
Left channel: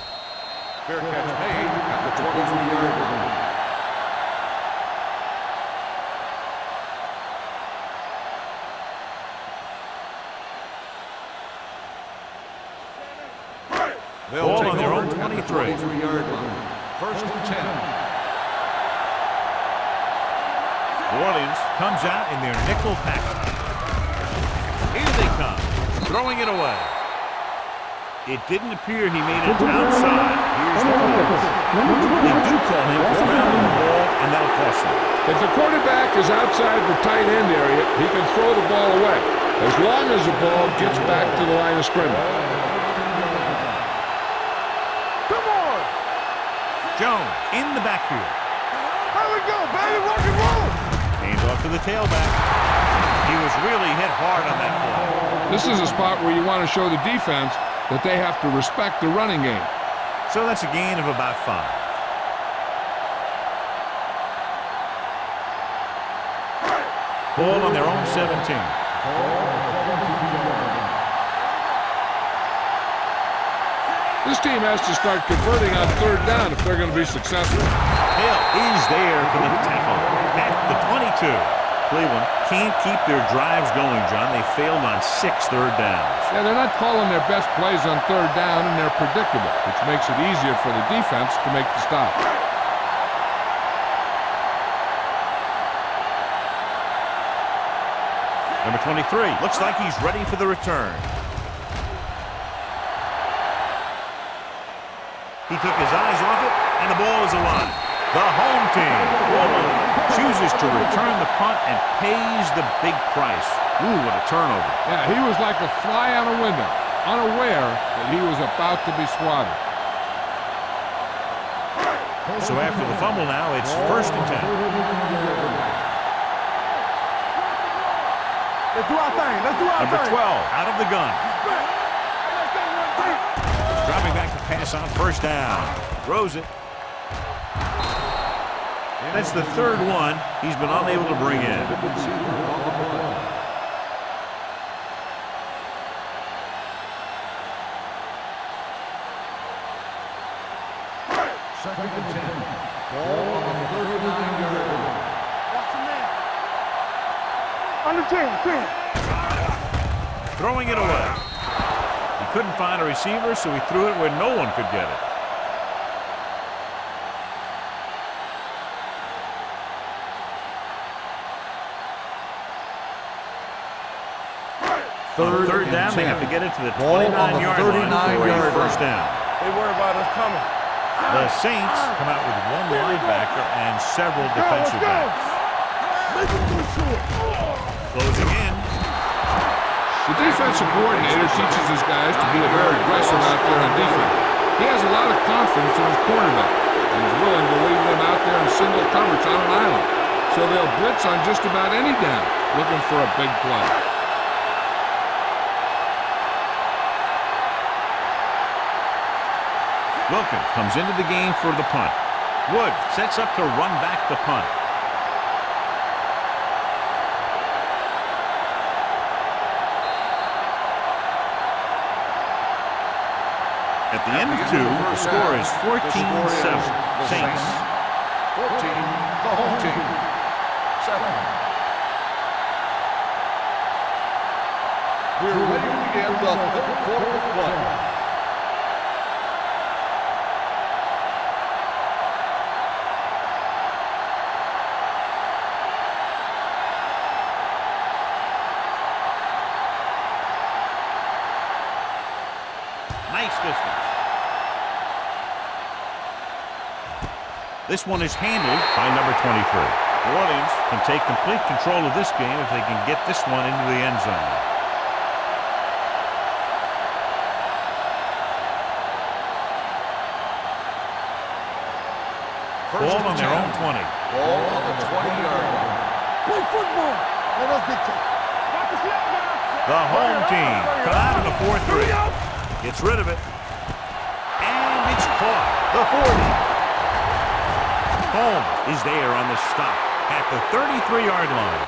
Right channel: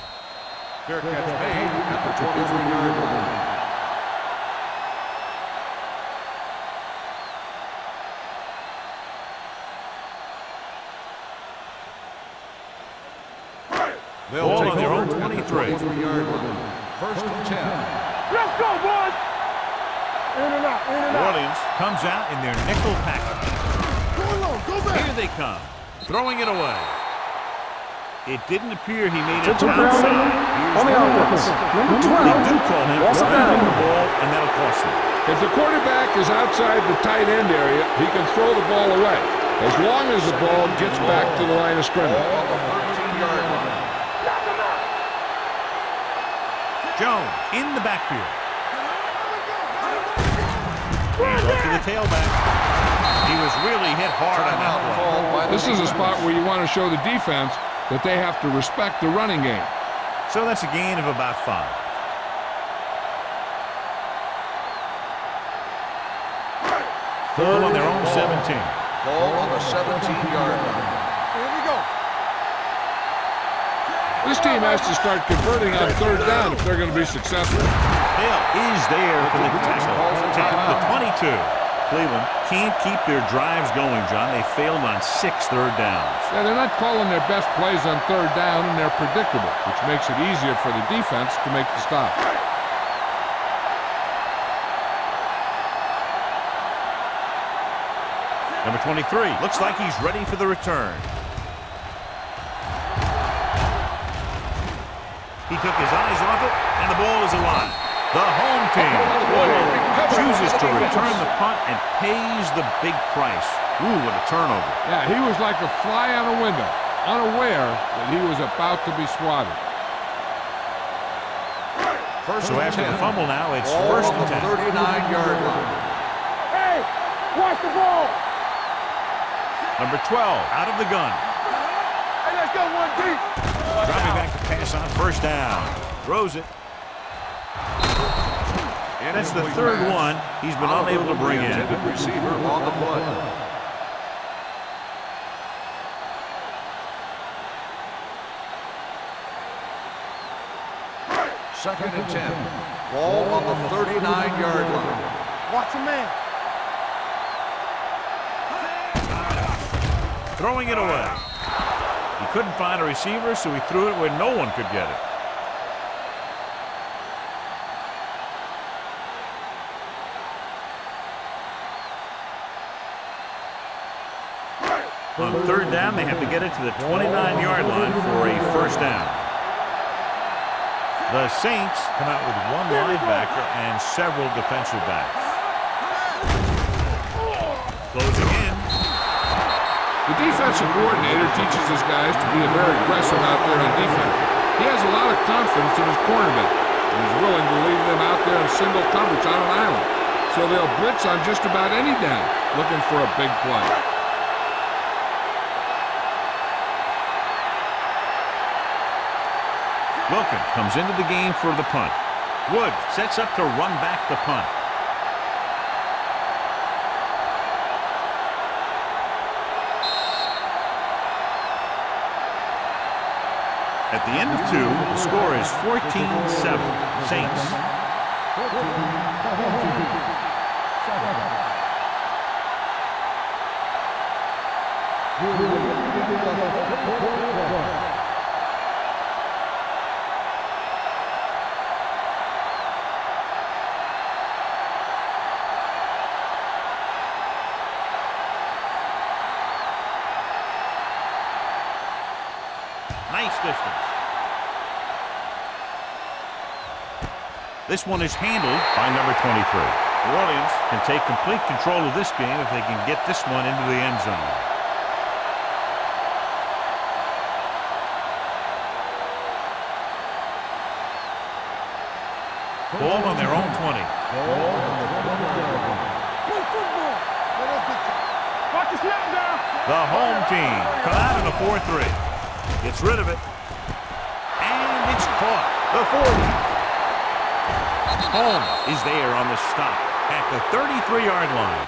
Fair catch made at the 23-yard line. They'll Ball take on their over own at the 23. 23-yard line. First and 10. Let's go, boys. New Orleans comes out in their nickel package. Here they come, throwing it away. It didn't appear he made it outside. Here's the call. They do call him for grounding the ball, and that'll cost them. If the quarterback is outside the tight end area, he can throw the ball away, as long as the ball gets back to the line of scrimmage. Jones in the backfield. Here we go, baby. Rock and roll. Hands off to the tailback. He was really hit hard on that play. This is a spot where you want to show the defense that they have to respect the running game. So that's a gain of about 5. Ball on their own 17. Ball on the 17-yard line. This team has to start converting on third down if they're going to be successful. Hill is there for the tackle at the 22. Cleveland can't keep their drives going, John. They failed on 6 third downs. Yeah, they're not calling their best plays on third down, and they're predictable, which makes it easier for the defense to make the stop. Number 23 looks like he's ready for the return. He took his eyes off it, and the ball is alive. The home team, chooses to return the punt and pays the big price. Ooh, what a turnover. Yeah, he was like a fly on a window, unaware that he was about to be swatted. So after the fumble now, it's first and 10. 39-yard line. Hey, watch the ball. Let's do our thing. Let's do our Number thing. 12 out of the gun. Hey, let's go one deep. Dropping back to pass on first down. Throws it. That's the third one he's been unable to bring in. Intended receiver on the play. Second and 10. Ball on the 39-yard line. Watch the man. Under 10. Throwing it away. He couldn't find a receiver, so he threw it where no one could get it. On third down, they have to get it to the 29-yard line for a first down. They worry about us coming. The Saints come out with one linebacker and several defensive backs. Closing in. The defensive coordinator teaches his guys to be very aggressive out there on defense. He has a lot of confidence in his cornerback, and he's willing to leave them out there in single coverage on an island. So they'll blitz on just about any down, looking for a big play. Wilkins comes into the game for the punt. Woods sets up to run back the punt. At the end of 2, the score is 14-7. Saints. 14, the home team. 7. We're ready to begin the third quarter of play. Nice distance. This one is handled by number 23. New Orleans can take complete control of this game if they can get this one into the end zone. Ball on their own 20. Ball on the 20-yard line. Play football. Let us dictate. Watch the snap down. The home team come out in a 4-3. Gets rid of it. And it's caught. The 40. Holmes is there on the stop at the 33-yard line.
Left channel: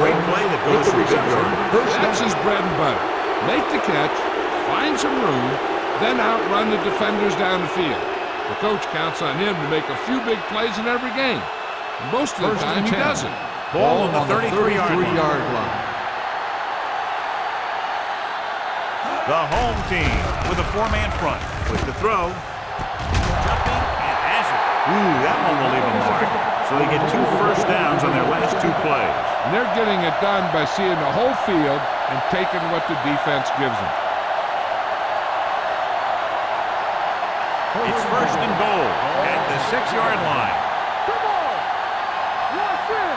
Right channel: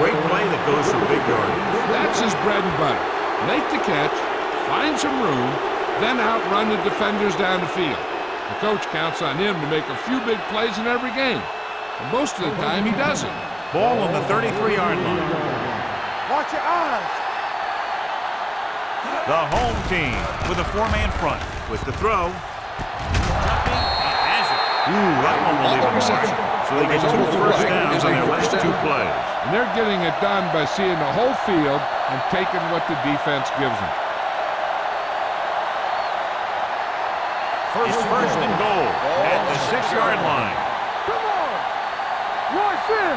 Great play that goes for big yardage. That's his bread and butter. Make the catch, find some room, then outrun the defenders down the field. The coach counts on him to make a few big plays in every game. And most of the time, he doesn't. Ball on the 33-yard line. Watch your eyes. The home team with a 4-man front. With the throw. Jumping and has it. Ooh, that one will leave a mark. So they get 2 first downs on their last 2 plays. And they're getting it done by seeing the whole field and taking what the defense gives them. It's first and goal at the 6-yard line. Come on. Watch in.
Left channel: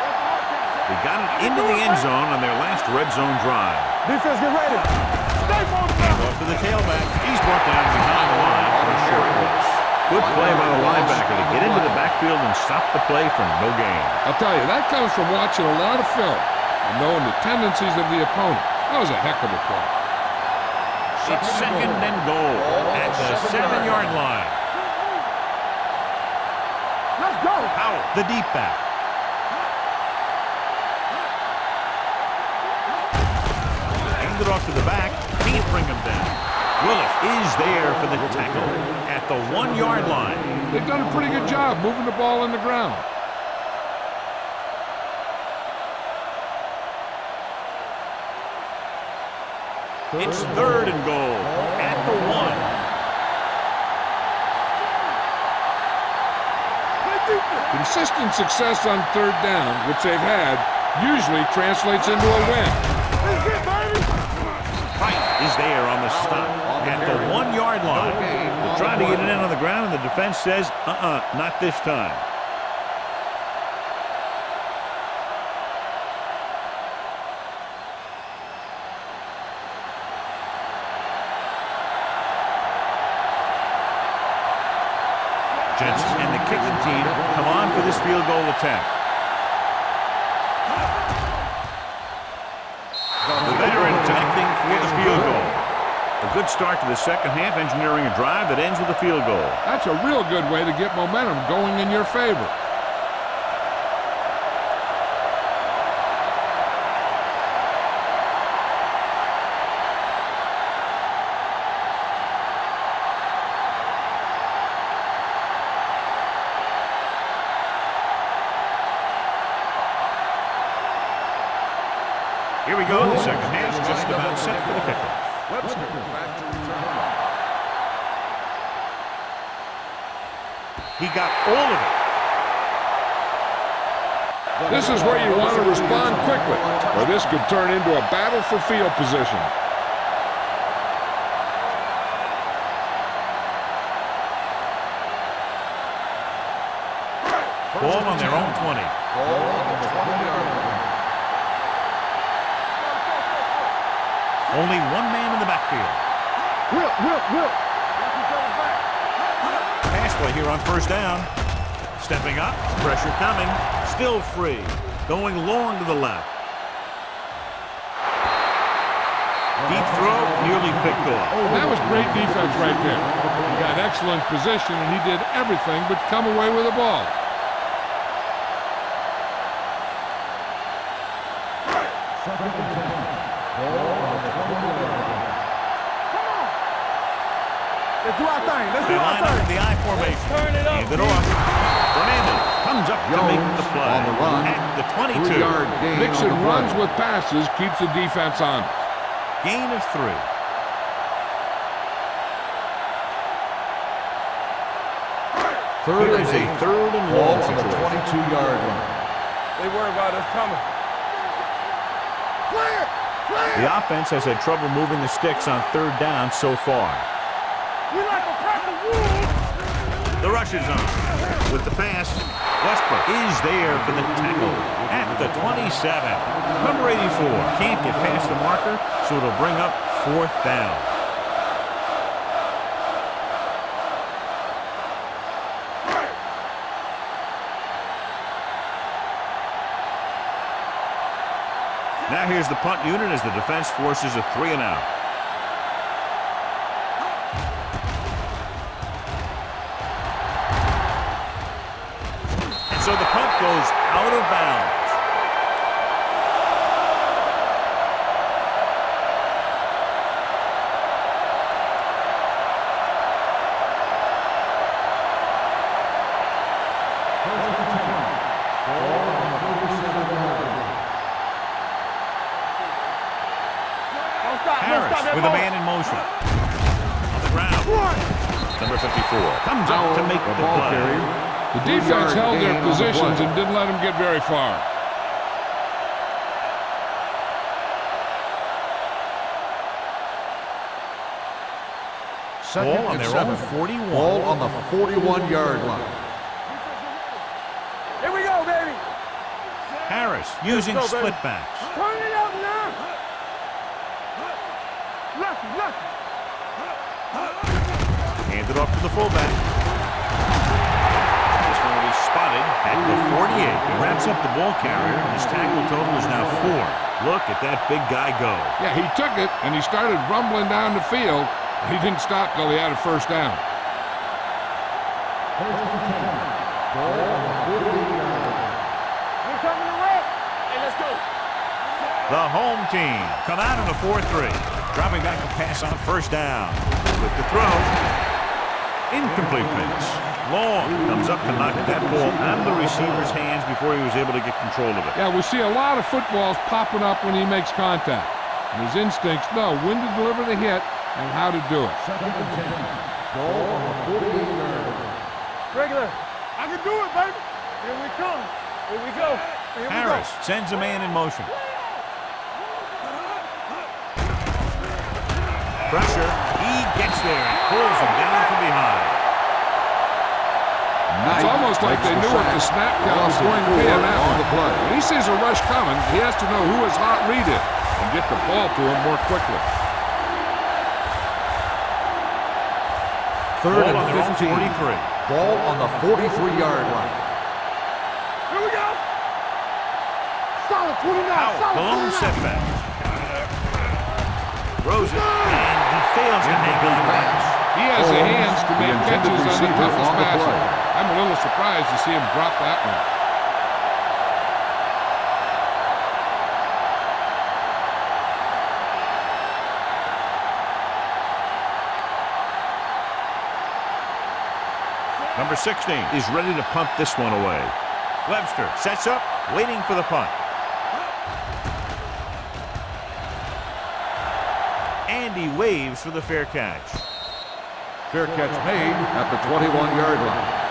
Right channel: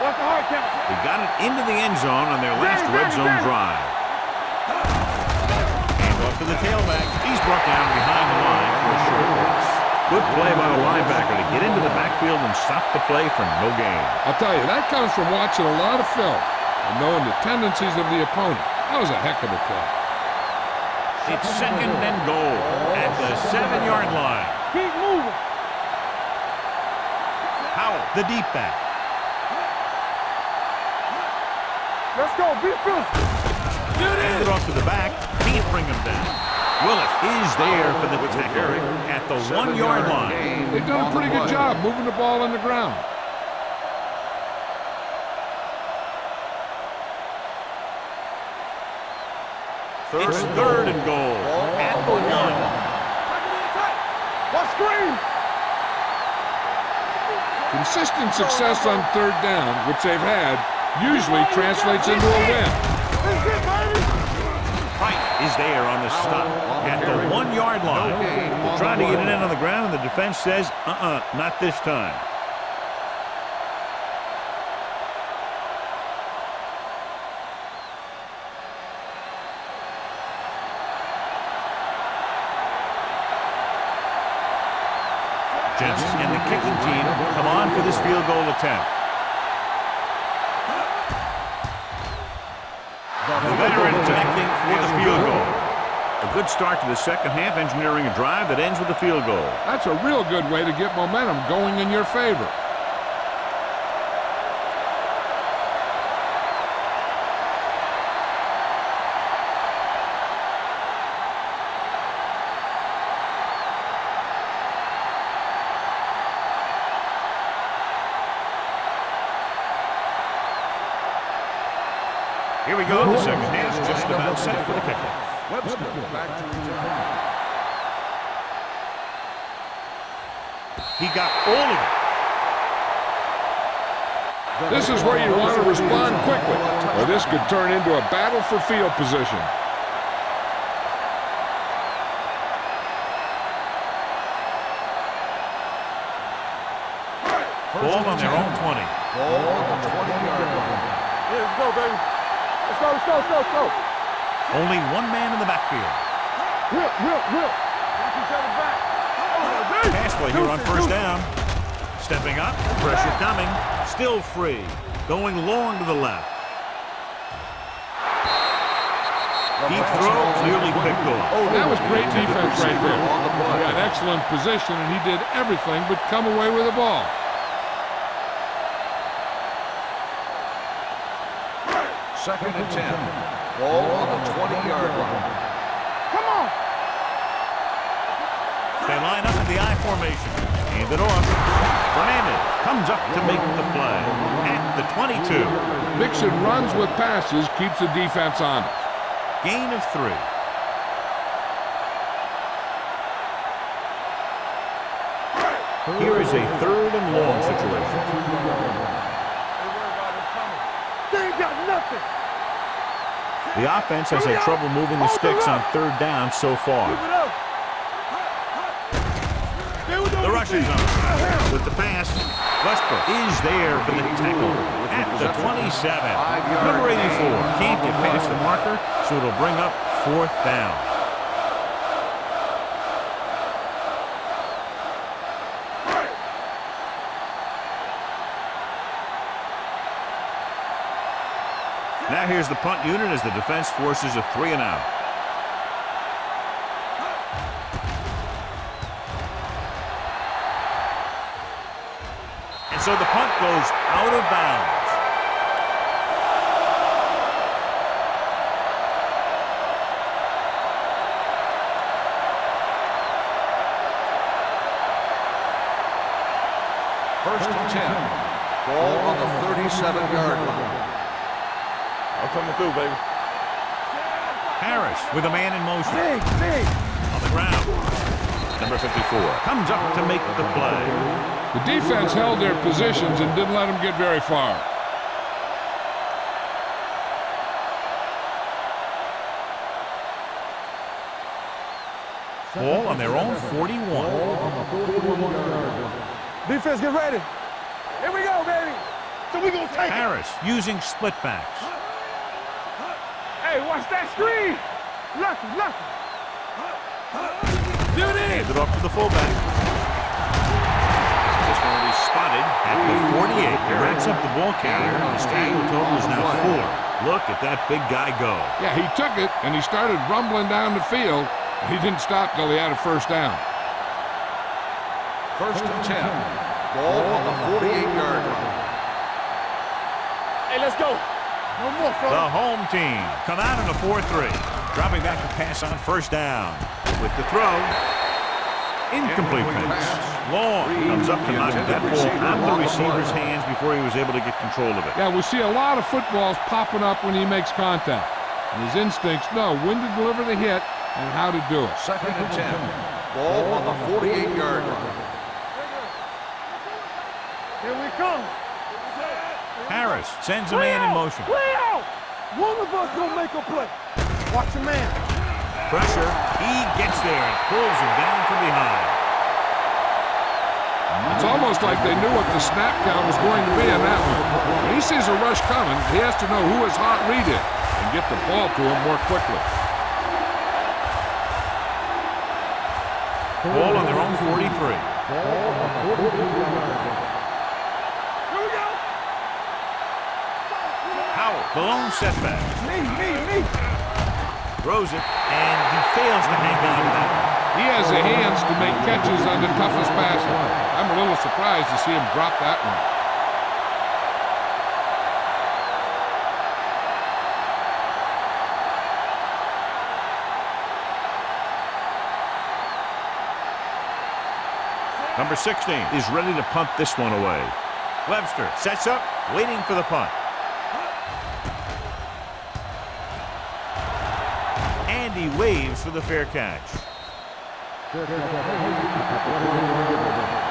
Watch the hard count. They got it into the end zone on their last red zone drive. Defense, get ready. Stay on Hand off to the tailback. He's brought down behind the line for a short loss. Good play by the linebacker to get into the backfield and stop the play for no gain. I'll tell you, that comes from watching a lot of film and knowing the tendencies of the opponent. That was a heck of a play. It's second and goal at the 7-yard line. Keep moving. Let's go. Howell, the deep back. Let's go. Defense. Hand it off to the back. Can't bring him down. Willis is there for the tackle at the 1-yard line. They've done a pretty good job moving the ball on the ground. It's third and goal at the 1. Consistent success on third down, which they've had, usually translates into a win. Price is there on the stop at the 1-yard line. They're trying to get it in on the ground, and the defense says, not this time. Jensen and the kicking team come on for this field goal attempt. The veteran connecting for the field goal. A good start to the second half, engineering a drive that ends with a field goal. That's a real good way to get momentum going in your favor. Here we go. The second half is just about set for the kickoff. Webster back to return. He got all of it. This is where you want to respond quickly, or this could turn into a battle for field position. Ball on their own 20. Ball on the 20-yard line. Let's go, baby. Let's go. Only 1 man in the backfield. Will. Watch each other back. Pass play here on first down. Stepping up, pressure coming, still free. Going long to the left. Deep throw, nearly picked off. That was great defense right there. He got excellent position, and he did everything but come away with the ball. Second and 10. Ball on the 20-yard line. Come on. Let's do our thing. They line up in the I formation. Hand it off. Fernandez comes up to make the play at the 22. Mixing runs with passes keeps the defense honest. Gain of 3. Here is a 3rd and long situation. 22-yard line. They worry about us coming. They ain't got nothing. Clear! Clear! The offense has had trouble moving the sticks on 3rd down so far. The rush is on. With the pass, Westbrook is there for the tackle at the 27. Number 84 can't get past the marker, so it'll bring up 4th down. Now here's the punt unit as the defense forces a 3 and out. And so the punt goes out of bounds. First and 10. Ball on the 37-yard line. I'm coming through, baby. Don't stop, Harris don't stop with a man in motion. On the ground. Number 54 comes up to make the play. The defense held their positions and didn't let them get very far. Ball on their own 41. Ball on the 41-yard line. Defense, get ready. Here we go, baby. So we gonna take Harris using split backs. Turn it up now. Hey, watch that screen. Lucky, lucky. Hand it off to the fullback. This one will be spotted at the 48. He wraps up the ball carrier. His tackle total is now 4. Look at that big guy go. Yeah, he took it, and he started rumbling down the field. He didn't stop till he had a 1st down. First and 10. Ball on the 48-yard line. Hey, let's go. The home team come out in a 4-3. Dropping back to pass on 1st down. With the throw. Incomplete pass. Long comes up to knock that ball out of the receiver's hands before he was able to get control of it. Yeah, we see a lot of footballs popping up when he makes contact. And his instincts know when to deliver the hit and how to do it. Second and 10. Ball on the 48-yard line. Regular. I can do it, baby. Here we come. Here we go. Here we Harris go. sends a man in motion. One of us will make a play. Watch the man. Pressure. He gets there and pulls him down from behind. It's almost like they knew what the snap count was going to be in that one. When he sees a rush coming, he has to know who his hot read is and get the ball to him more quickly. Ball on their own 43. Ball on the 43-yard line. Here we go. Solid 29. Howell, the lone setback. Throws it, and he fails to hang on to that. He has the hands to make catches on the toughest passes. I'm a little surprised to see him drop that one. Number 16 is ready to punt this one away. Webster sets up, waiting for the punt. And he waves for the fair catch. Fair catch made at the 21-yard line.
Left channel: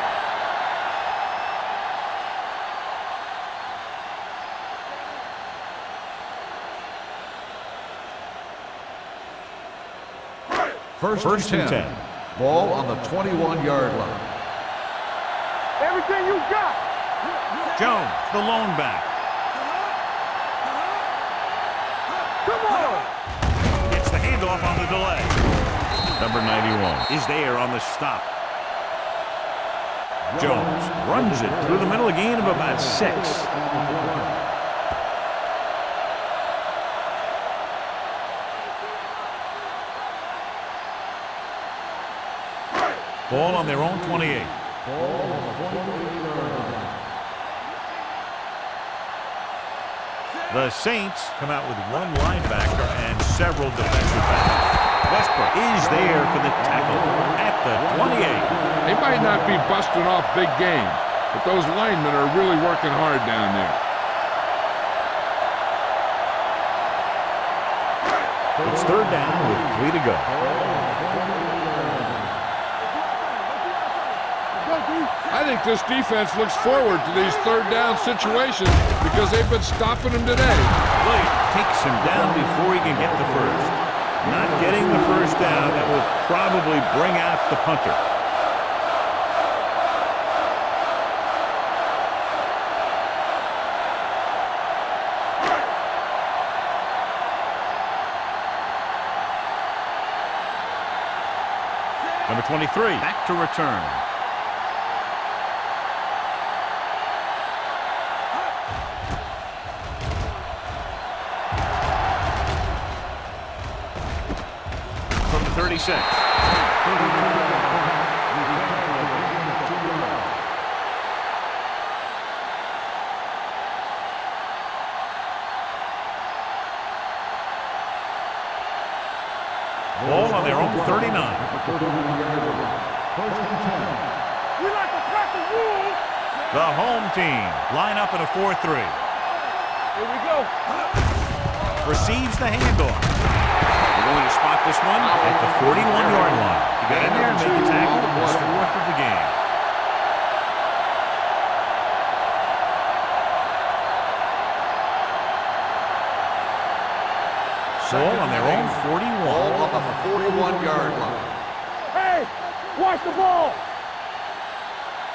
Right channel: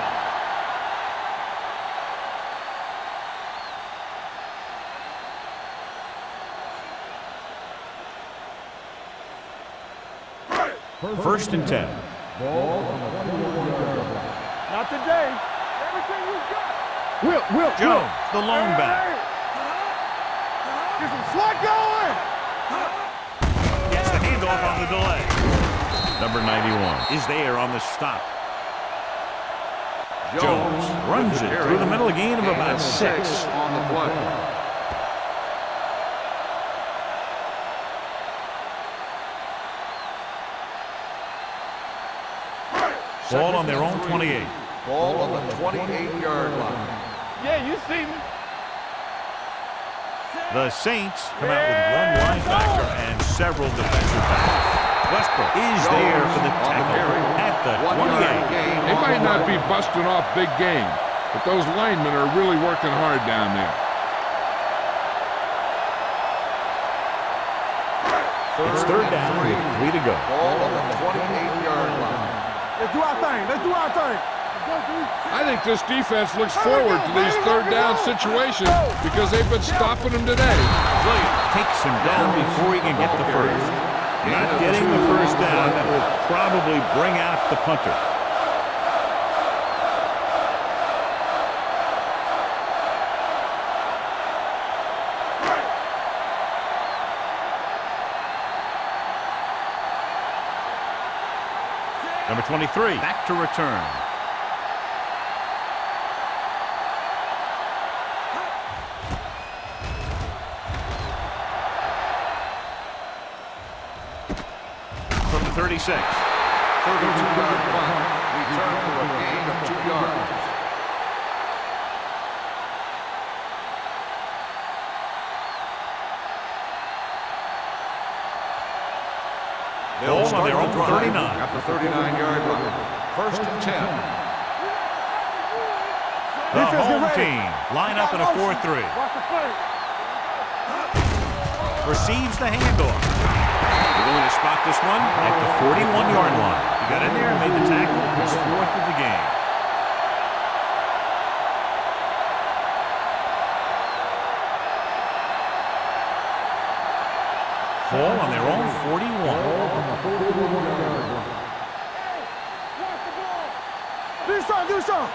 First and 10. Ball on the 21-yard line. Not today. Everything you got. Will. Jones, the lone back. Is it slot going? Come on. Gets the handoff on the delay. Number 91 is there on the stop. Jones runs it through the middle, a gain of about 6. Ball on their own 28. Ball on the 28-yard line. Yeah, you see me. The Saints come out with one linebacker and several defensive backs. Westbrook is there for the tackle at the 28. They might not be busting off big games, but those linemen are really working hard down there. It's third down with 3 to go. Let's do our thing. Let's do our thing. Let's go, D. I think this defense looks forward to these third down situations because they've been stopping them today. Williams takes him down before he can get the first. Not getting the first down, that will probably bring out the punter. Number 23, back to return. From the 36. Ball on their own 39. At the 39-yard line. First and 10. We like to pack the rules. The home team line up in a 4-3. Here we go. Receives the handoff. We're going to spot this one at the 41-yard line. He got in there and made the tackle. His fourth of the game. Ball on their own 41. Ball on the 41-yard line. Hey, watch the ball. Do something, do something.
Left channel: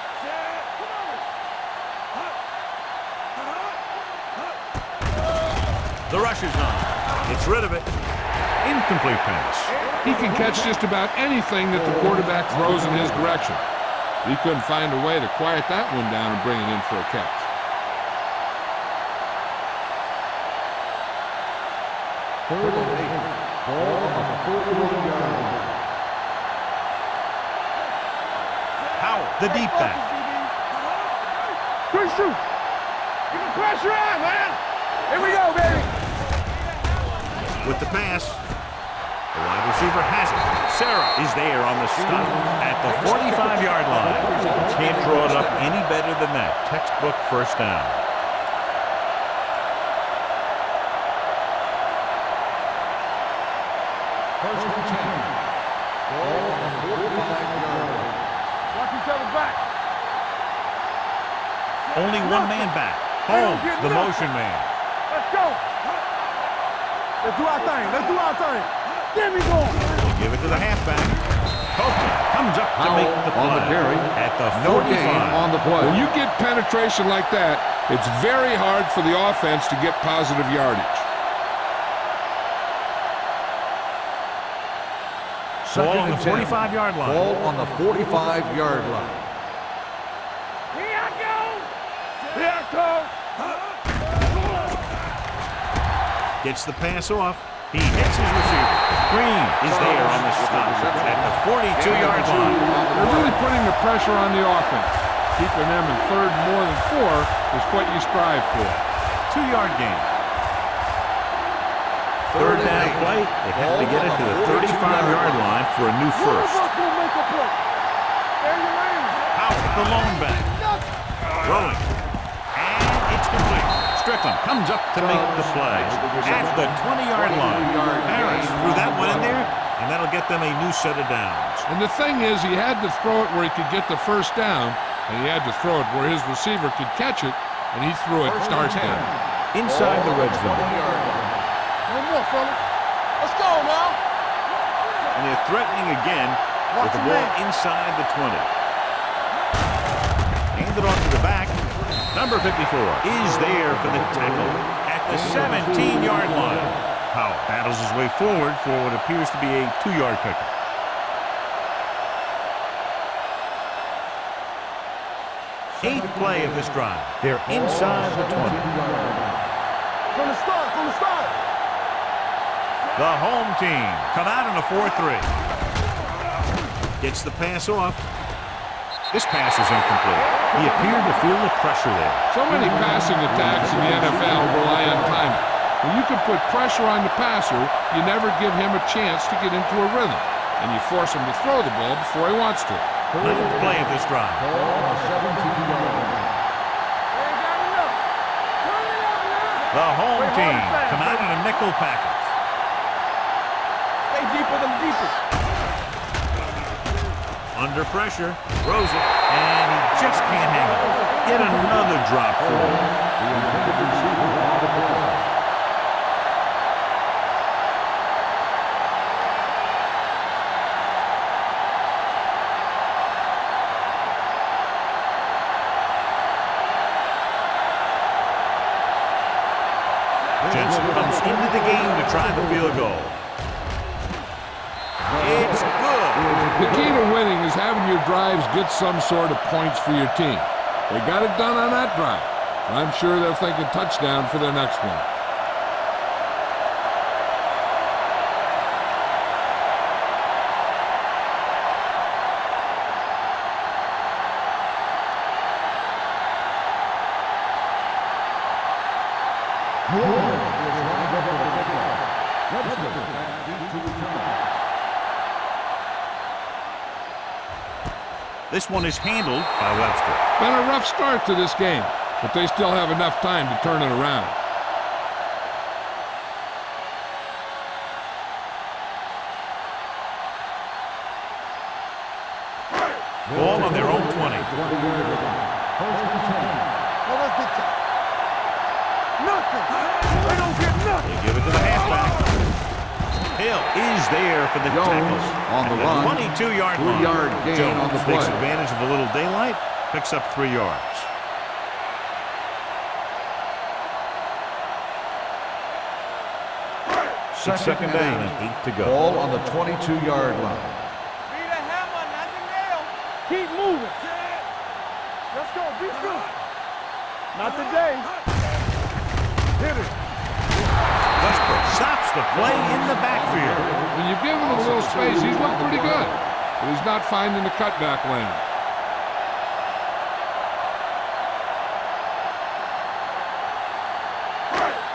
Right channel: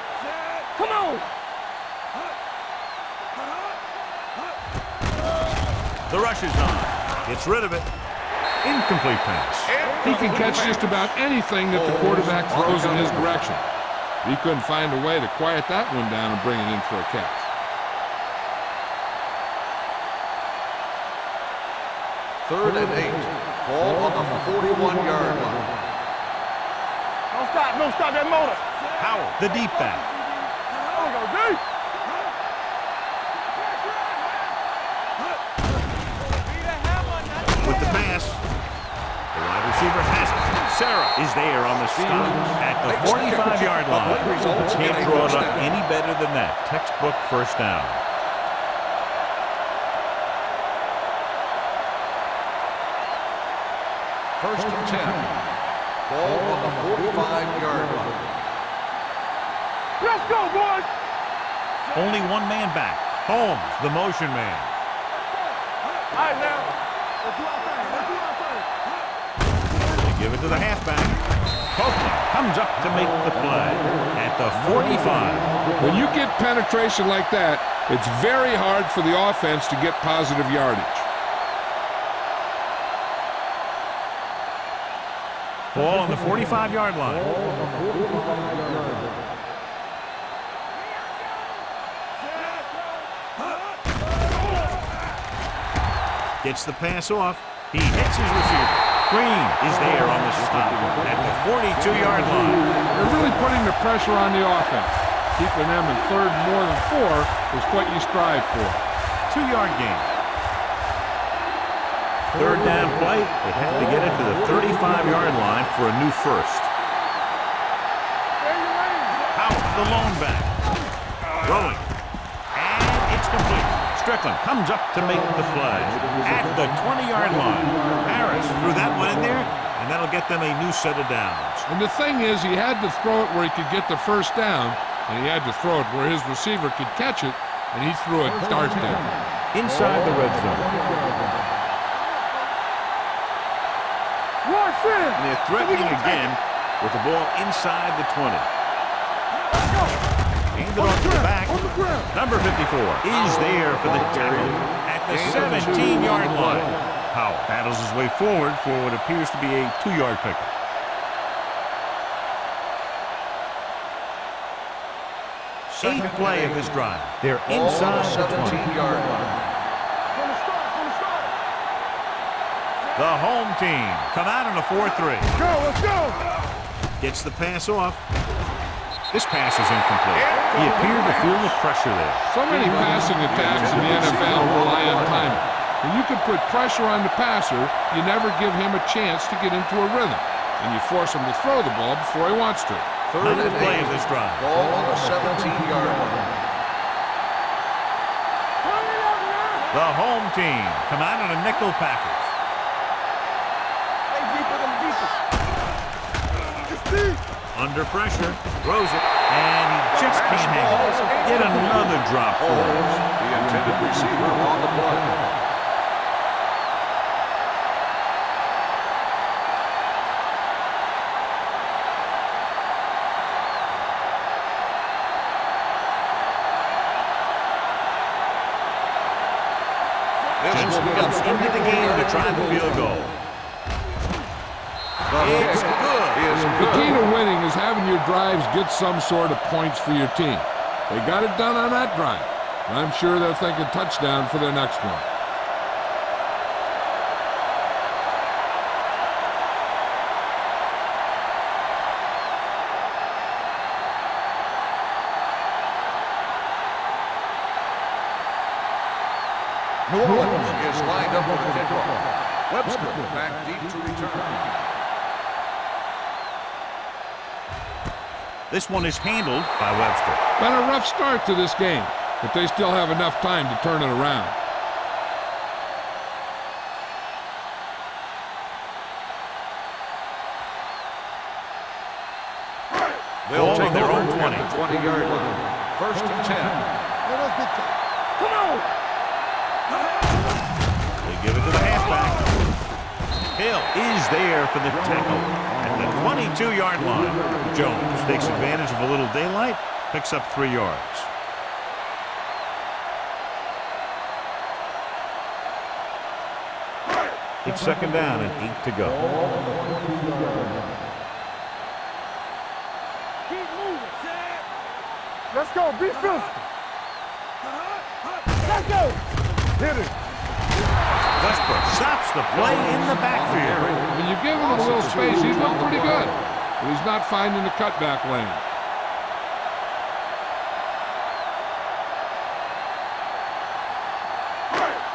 Come on. The rush is on. Gets rid of it. Incomplete pass. He can catch just about anything that the quarterback throws in his direction. He couldn't find a way to quiet that one down and bring it in for a catch. Third and 8. Ball on the 41-yard line. Don't stop that motor. Howell, the deep back. Good shoot. Get the pressure on, man. Here we go, baby. With the pass. The wide receiver has it. Sarah is there on the stop at the 45-yard line. Can't draw it up any better than that. Textbook first down. First and 10. Ball on the 45-yard line. Watch each other back. Let's go, boys. Only one man back. Holmes, the motion man. Let's go. All right, now. Let's do our thing. Let's do our thing. Give me more. They give it to the halfback. Copeland comes up to make the play at the 45. When you get penetration like that, it's very hard for the offense to get positive yardage. Ball on the 45-yard line. Ball on the 45-yard line. Here I go. Here I go. Gets the pass off. He hits his receiver. Green is there on the stop at the 42-yard line. They're really putting the pressure on the offense. Keeping them in third more than 4 is what you strive for. 2-yard gain. Third down play. They have to get it to the 35-yard line for a new first. Howell, the lone back. Throwing. And it's complete. Strickland comes up to make the play at the 20-yard line. Harris threw that one in there, and that'll get them a new set of downs. And the thing is, he had to throw it where he could get the first down, and he had to throw it where his receiver could catch it, and he threw it dart down. Inside the red zone. Let's go now. And they're threatening again with the ball inside the 20. Handed off to the back. Number 54 is there for the tackle at the 17-yard line. Howell battles his way forward for what appears to be a 2-yard pickup. Eighth play of this drive. They're inside the 20. From the start, from the start. The home team come out in a 4-3. Gets the pass off. This pass is incomplete. He appeared to feel the pressure there. So many passing attacks in the NFL rely on timing. When you can put pressure on the passer, you never give him a chance to get into a rhythm, and you force him to throw the ball before he wants to. Ninth play of this drive. Ball on the 17-yard line. The home team come out in a nickel package. Stay deeper than deepest. Under pressure, throws it, and he just can't hang on. Yet another drop for him. The intended receiver on the play. Jensen comes into the game to try the field goal. It's good. The key to winning is having your drives get some sort of points for your team. They got it done on that drive. I'm sure they're thinking touchdown for their next one. Moore is lined up with the kickoff. Webster back deep to return. This one is handled by Webster. Been a rough start to this game, but they still have enough time to turn it around. Ball on their own 20. 20-yard line. First and 10. Let us big time. Come on. Nothing. They give it to the halfback. Hill is there for the tackle at the 22-yard line. Jones takes advantage of a little daylight, picks up 3 yards. It's second down and 8 to go. Ball on the 22-yard line. Keep moving. Let's go. Be physical. Not today. Let's go. Hit it. Westbrook stops the play in the backfield. When you give him a little space, he's looked pretty good, but he's not finding the cutback lane.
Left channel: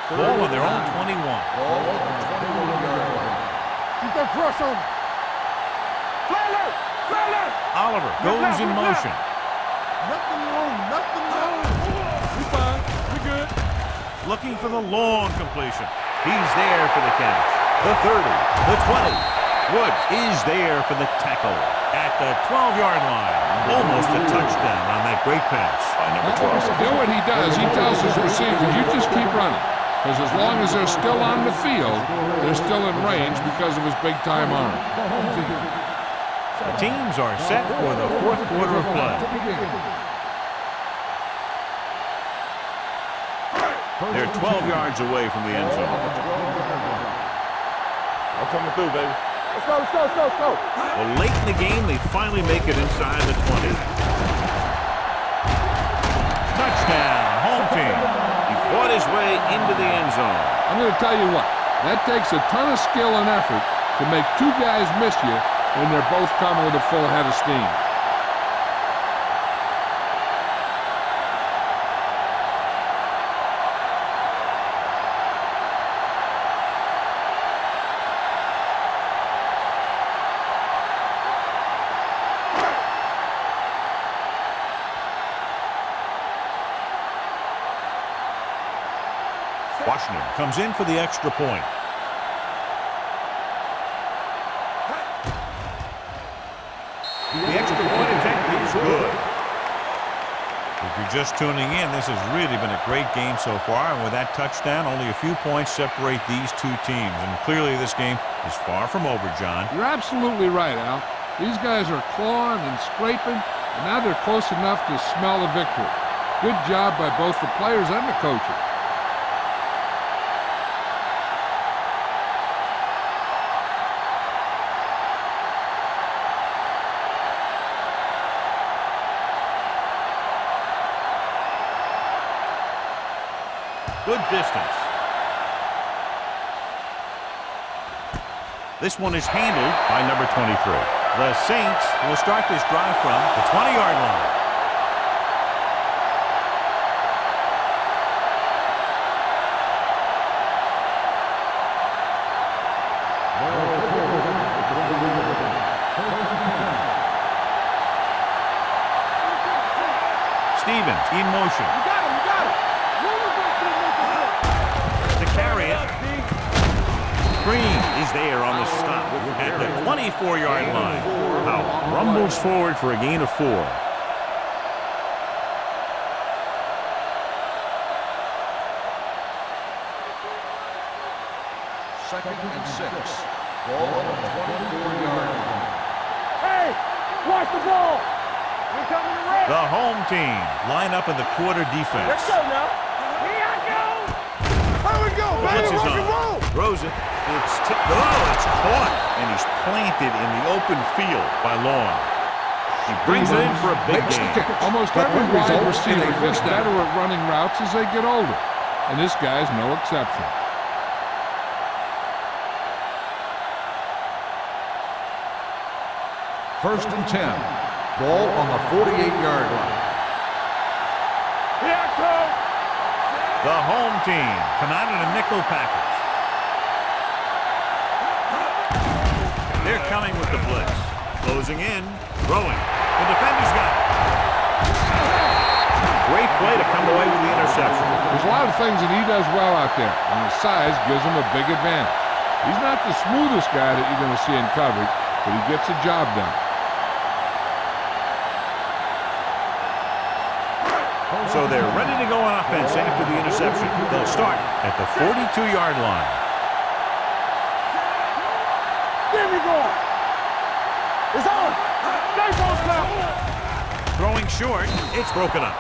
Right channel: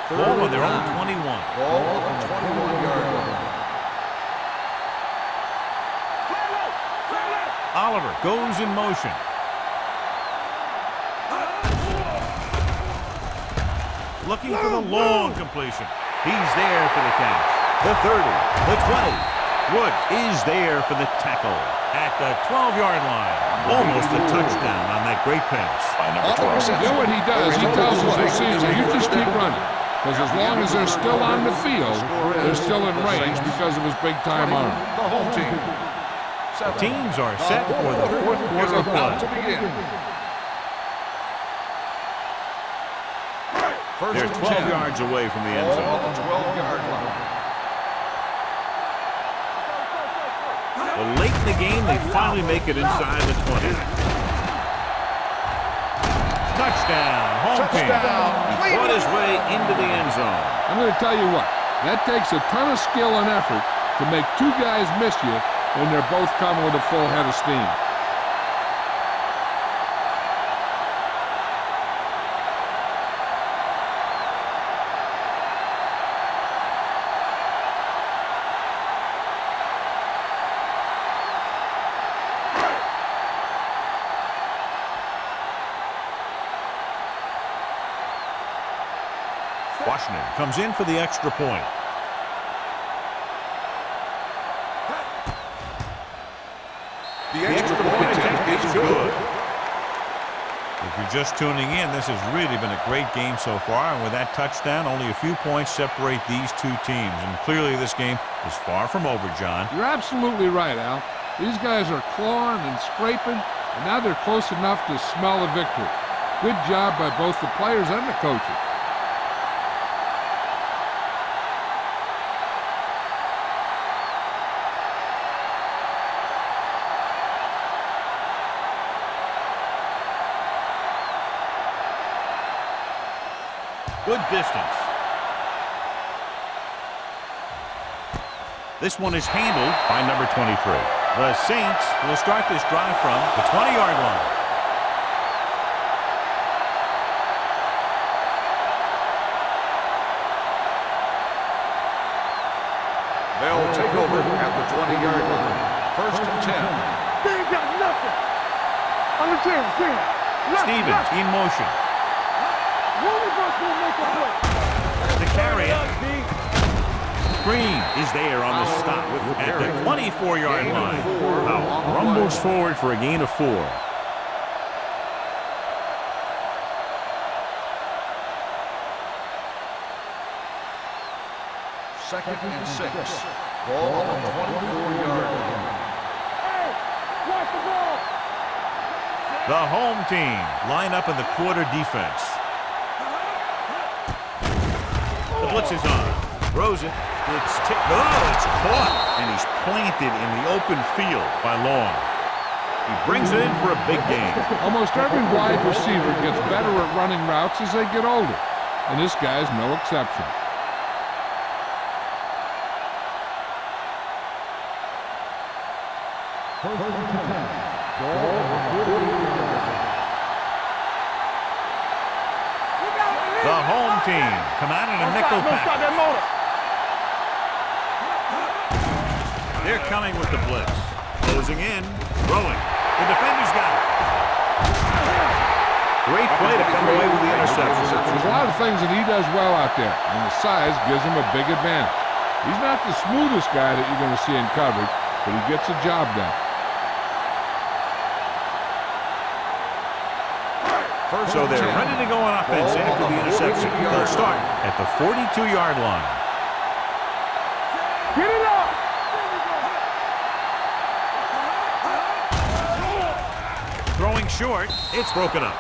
Ball on their own 21. Ball on the 21-yard line. Keep that press on. Fly alert. Fly alert. Oliver goes in motion. Nothing wrong. Looking for the long completion. He's there for the catch. The 30, the 20. Woods is there for the tackle at the 12-yard line. Almost a touchdown on that great pass by number 12. You know what he does? He tells his receiver, you just keep running. Because as long as they're still on the field, they're still in range because of his big-time arm. The teams are set for the fourth quarter of play. They're 12 yards away from the end zone. That's coming through, baby. Let's go. Well, late in the game, they finally make it inside the 20. Touchdown, home team. He fought his way into the end zone. I'm going to tell you what, that takes a ton of skill and effort to make two guys miss you when they're both coming with a full head of steam. Washington comes in for the extra point. The extra point attempt is good. If you're just tuning in, this has really been a great game so far, and with that touchdown, only a few points separate these two teams, and clearly this game is far from over, John. You're absolutely right, Al. These guys are clawing and scraping, and now they're close enough to smell the victory. Good job by both the players and the coaches. Good distance. This one is handled by number 23. The Saints will start this drive from the 20-yard line. They'll take over at the 20-yard line. First and 10. They ain't got nothing. On the team. Stevens in motion. One of us will make a play. To carry it. Green is there on the stop at the 24-yard line. Powell rumbles forward for a gain of 4. Second and 6. Ball on the 24-yard line. Hey, watch the ball. The home team line up in the quarter defense. The blitz is on. Throws it. It's caught. And he's planted in the open field by Long. He brings it in for a big gain. Almost every wide receiver gets better at running routes as they get older, and this guy's no exception. First and 10. Ball on the 48-yard line. The home team come out in a nickel package. They're coming with the blitz. Closing in, throwing. The defender's got it. Great play to come away with the interception. There's a lot of things that he does well out there, and the size gives him a big advantage. He's not the smoothest guy that you're going to see in coverage, but he gets the job done. So they're ready to go on offense after the interception. They'll start at the 42-yard line. Throwing short, it's broken up.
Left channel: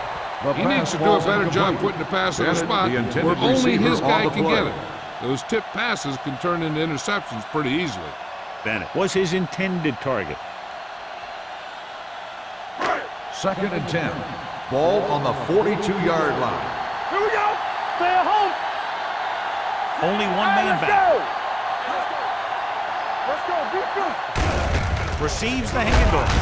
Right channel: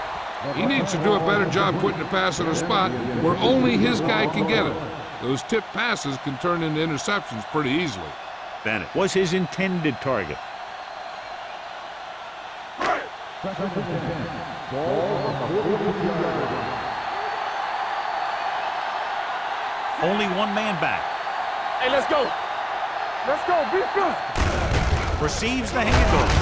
He needs to do a better job putting the pass in a spot where only his guy can get it. Those tipped passes can turn into interceptions pretty easily. Bennett was his intended target. Second and 10. Ball on the 42-yard line. Here we go. Stay at home. Only one man back. Hey, let's go. Let's go. Be physical. Receives the handoff.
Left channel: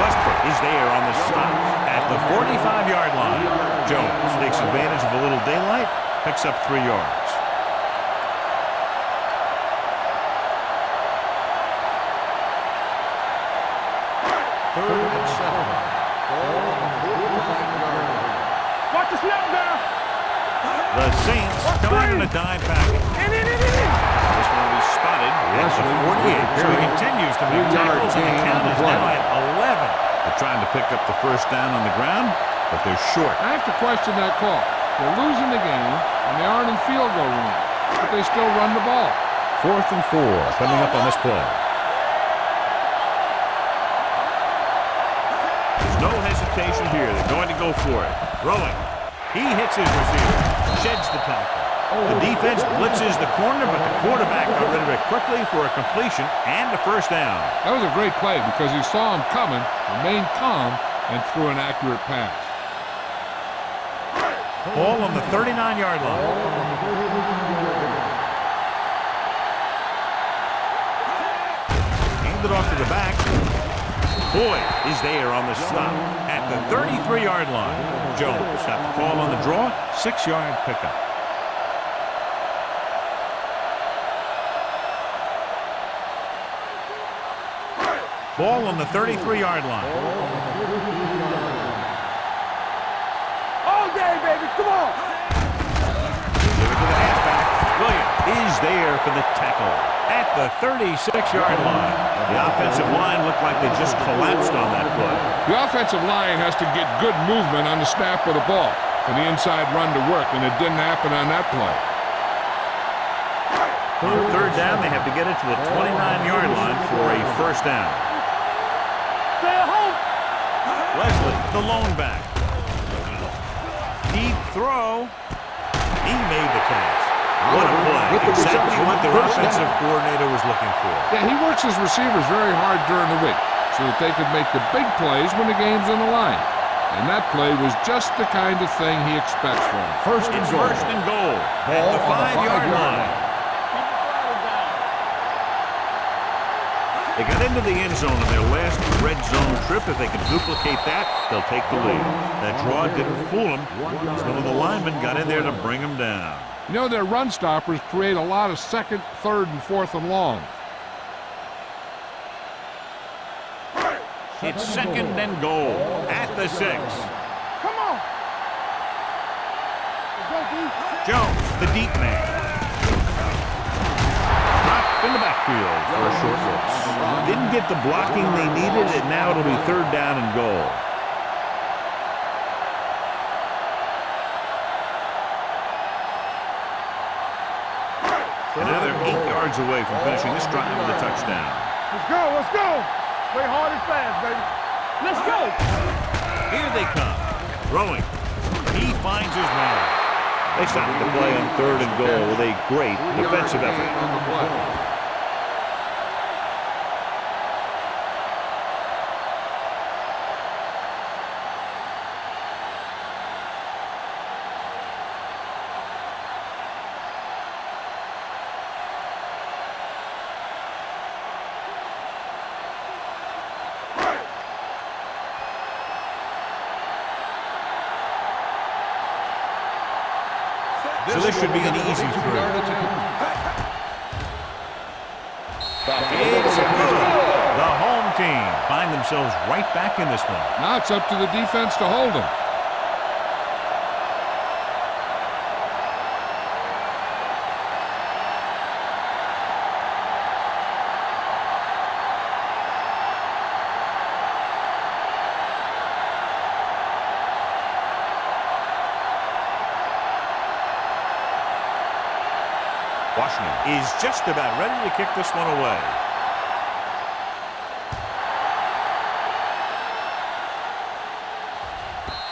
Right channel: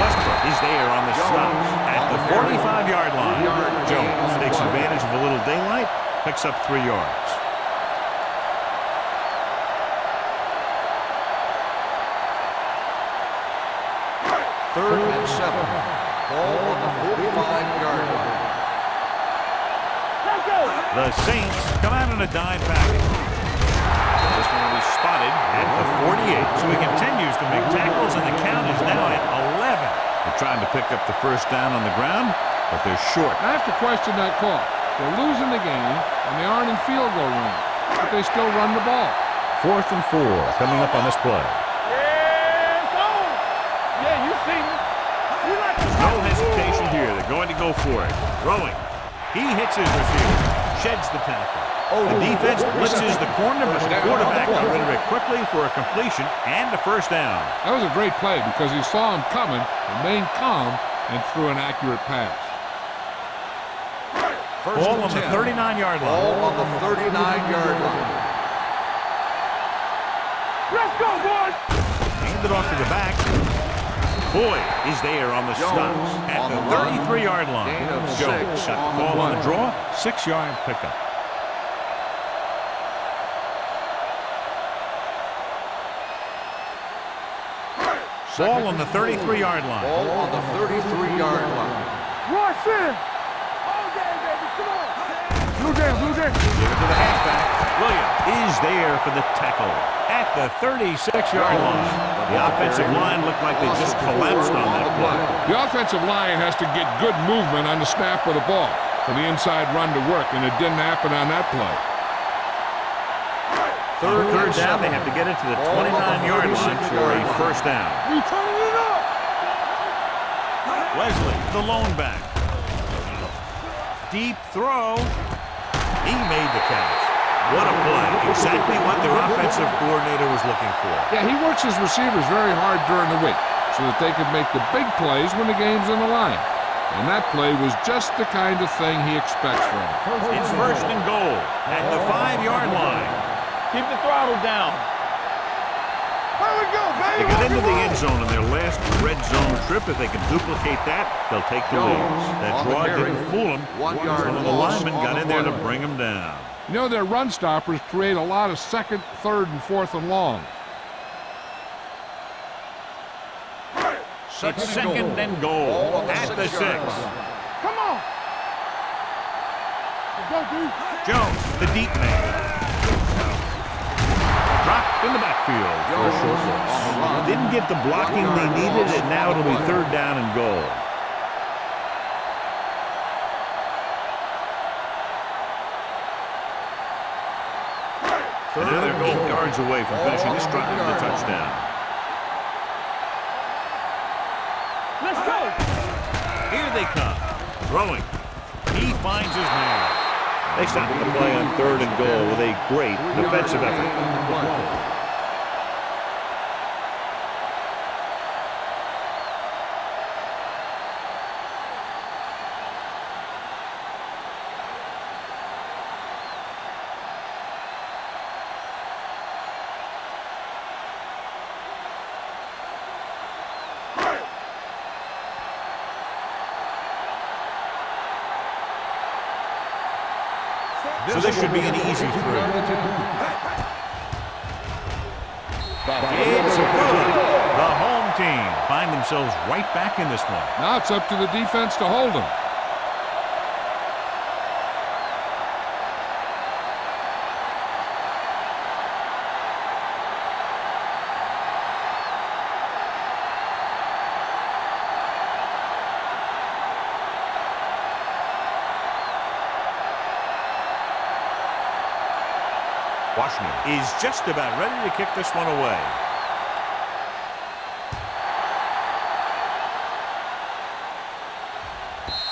Westbrook is there on the stop at the 45-yard line. Jones takes advantage of a little daylight, picks up 3 yards. Third and 7. Ball on the 45-yard line. Watch the snap now. The Saints come out in a dime package. This one will be spotted at the 48. So he continues to make tackles, and the count is now at 11. They're trying to pick up the first down on the ground, but they're short. I have to question that call. They're losing the game, and they aren't in field goal range, but they still run the ball. 4th and 4 coming up on this play. There's no hesitation here. They're going to go for it. Throwing. He hits his receiver. Sheds the tackle. The defense blitzes the corner, but the quarterback got rid of it quickly for a completion and a first down. That was a great play because he saw him coming, remained calm, and threw an accurate pass. Ball on the 39-yard line. Ball on the 39-yard line. Let's go, boys. Handed off to the back. Boyd is there on the stop at the 33-yard line. Jones got the call on the draw, 6-yard pickup. Ball on the 33-yard line. Ball on the 33-yard line. Rush in. All day, baby. Come on. Give it to the halfback. Williams is there for the tackle at the 36-yard line. The offensive line looked like they just collapsed on that play. The offensive line has to get good movement on the snap of the ball for the inside run to work, and it didn't happen on that play. On third down, they have to get it to the 29-yard line for a first down. You turning it up. Stay at home. Leslie, the lone back. Deep throw. He made the catch. What a play. Exactly what their offensive coordinator was looking for. Yeah, he works his receivers very hard during the week so that they could make the big plays when the game's on the line. And that play was just the kind of thing he expects from him. It's first and goal at the 5-yard line. Keep the throttle down. They got into the end zone in their last red zone trip. If they can duplicate that, they'll take the lead. That draw didn't fool them, as one of the linemen got in there to bring them down. You know, their run stoppers create a lot of second, third, and fourth and longs. It's second and goal at the 6. Come on. Let's go, D. Jones, the deep man. Dropped in the backfield for a short loss. Didn't get the blocking they needed, and now it'll be third down and goal. And now they're 8 yards away from finishing this drive with a touchdown. Let's go, let's go. Play hard and fast, baby. Let's go. Here they come. Throwing. He finds his man. They stop the play on third and goal with a great defensive effort. On the play. So this should be an easy throw. It's good. The home team find themselves right back in this one. Now it's up to the defense to hold them. Washington is just about ready to kick this one away.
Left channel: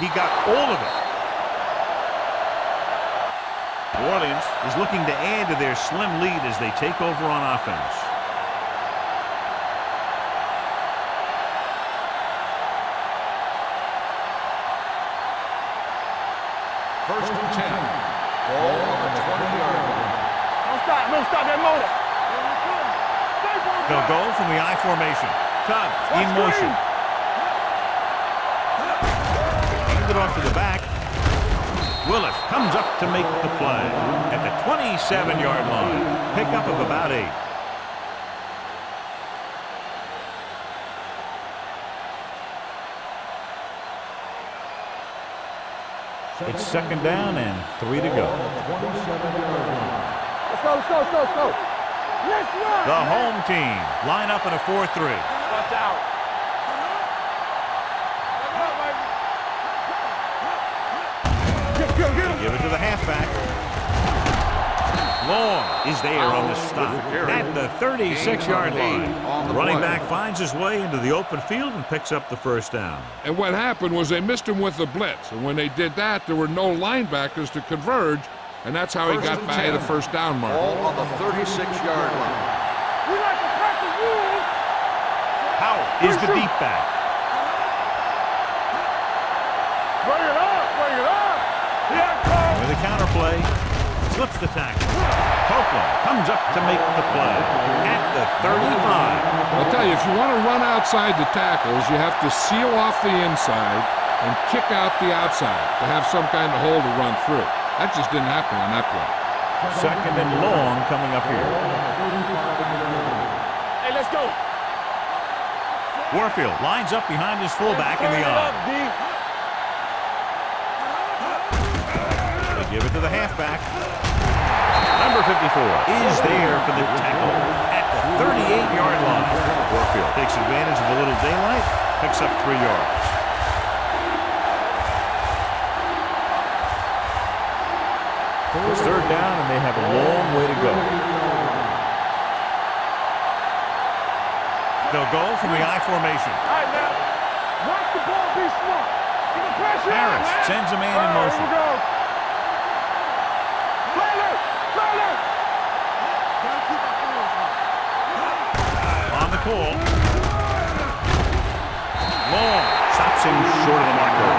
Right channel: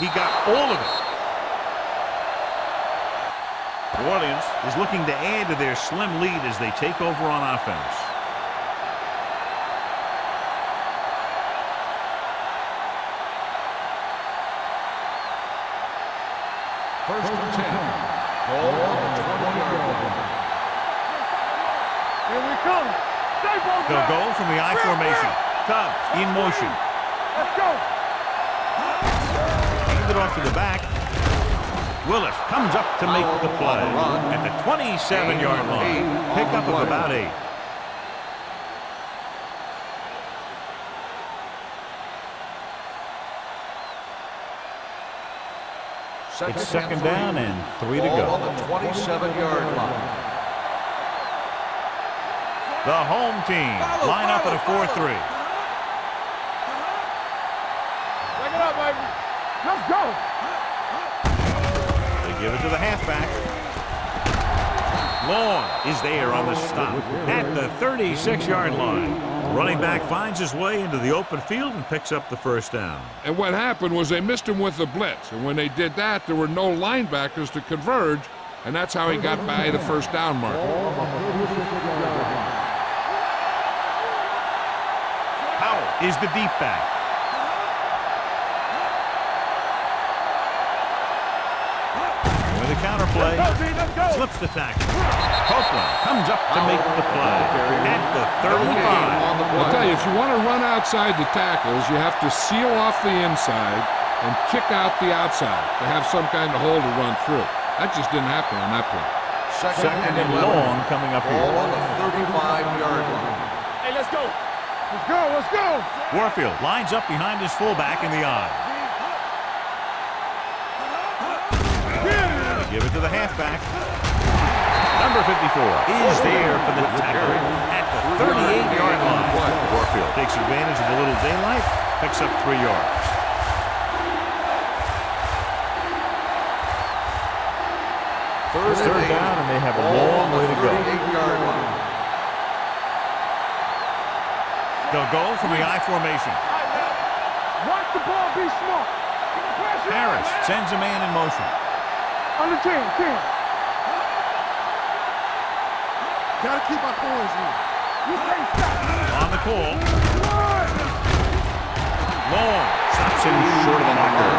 He got all of it. New Orleans is looking to add to their slim lead as they take over on offense. First and 10. Ball on the 20-yard line. Don't stop that motor. Here we come. Stay both They'll go from the I formation. Tubbs in motion. Let's go. Hand it off to the back. Willis comes up to make the play at the 27-yard line. Pickup of about 8. It's second down and 3 to go. On the 27-yard line. Let's go, let's go, let's go, let's go. Let's go. The home team line up in a 4-3. Back it up, baby. Let's go. They give it to the halfback. Long is there on the stop at the 36-yard line. The running back finds his way into the open field and picks up the first down. And what happened was they missed him with the blitz. And when they did that, there were no linebackers to converge. And that's how he got by the first down mark. Ball on the 36-yard line. Howell is the deep back. Bring it up, bring it up. With a counter play, slips the tackle. Copeland comes up to make the play at the 35. I'll tell you, if you want to run outside the tackles, you have to seal off the inside and kick out the outside to have some kind of hole to run through. That just didn't happen on that play. Second and long coming up here. Ball on the 35-yard line. Hey, let's go. Let's go, let's go. Warfield lines up behind his fullback in the I. They give it to the halfback. Number 54 is there for the tackle at the 38-yard line. Warfield takes advantage of a little daylight, picks up 3 yards. It's third down, and they have a long way to go. They'll go from the I formation. All right, now, watch the ball, be smart. Keep the pressure Harris on, man. sends a man in motion. On the 10. Play it, play it. Gotta keep my poise in. On the call. Long stops him short of the marker.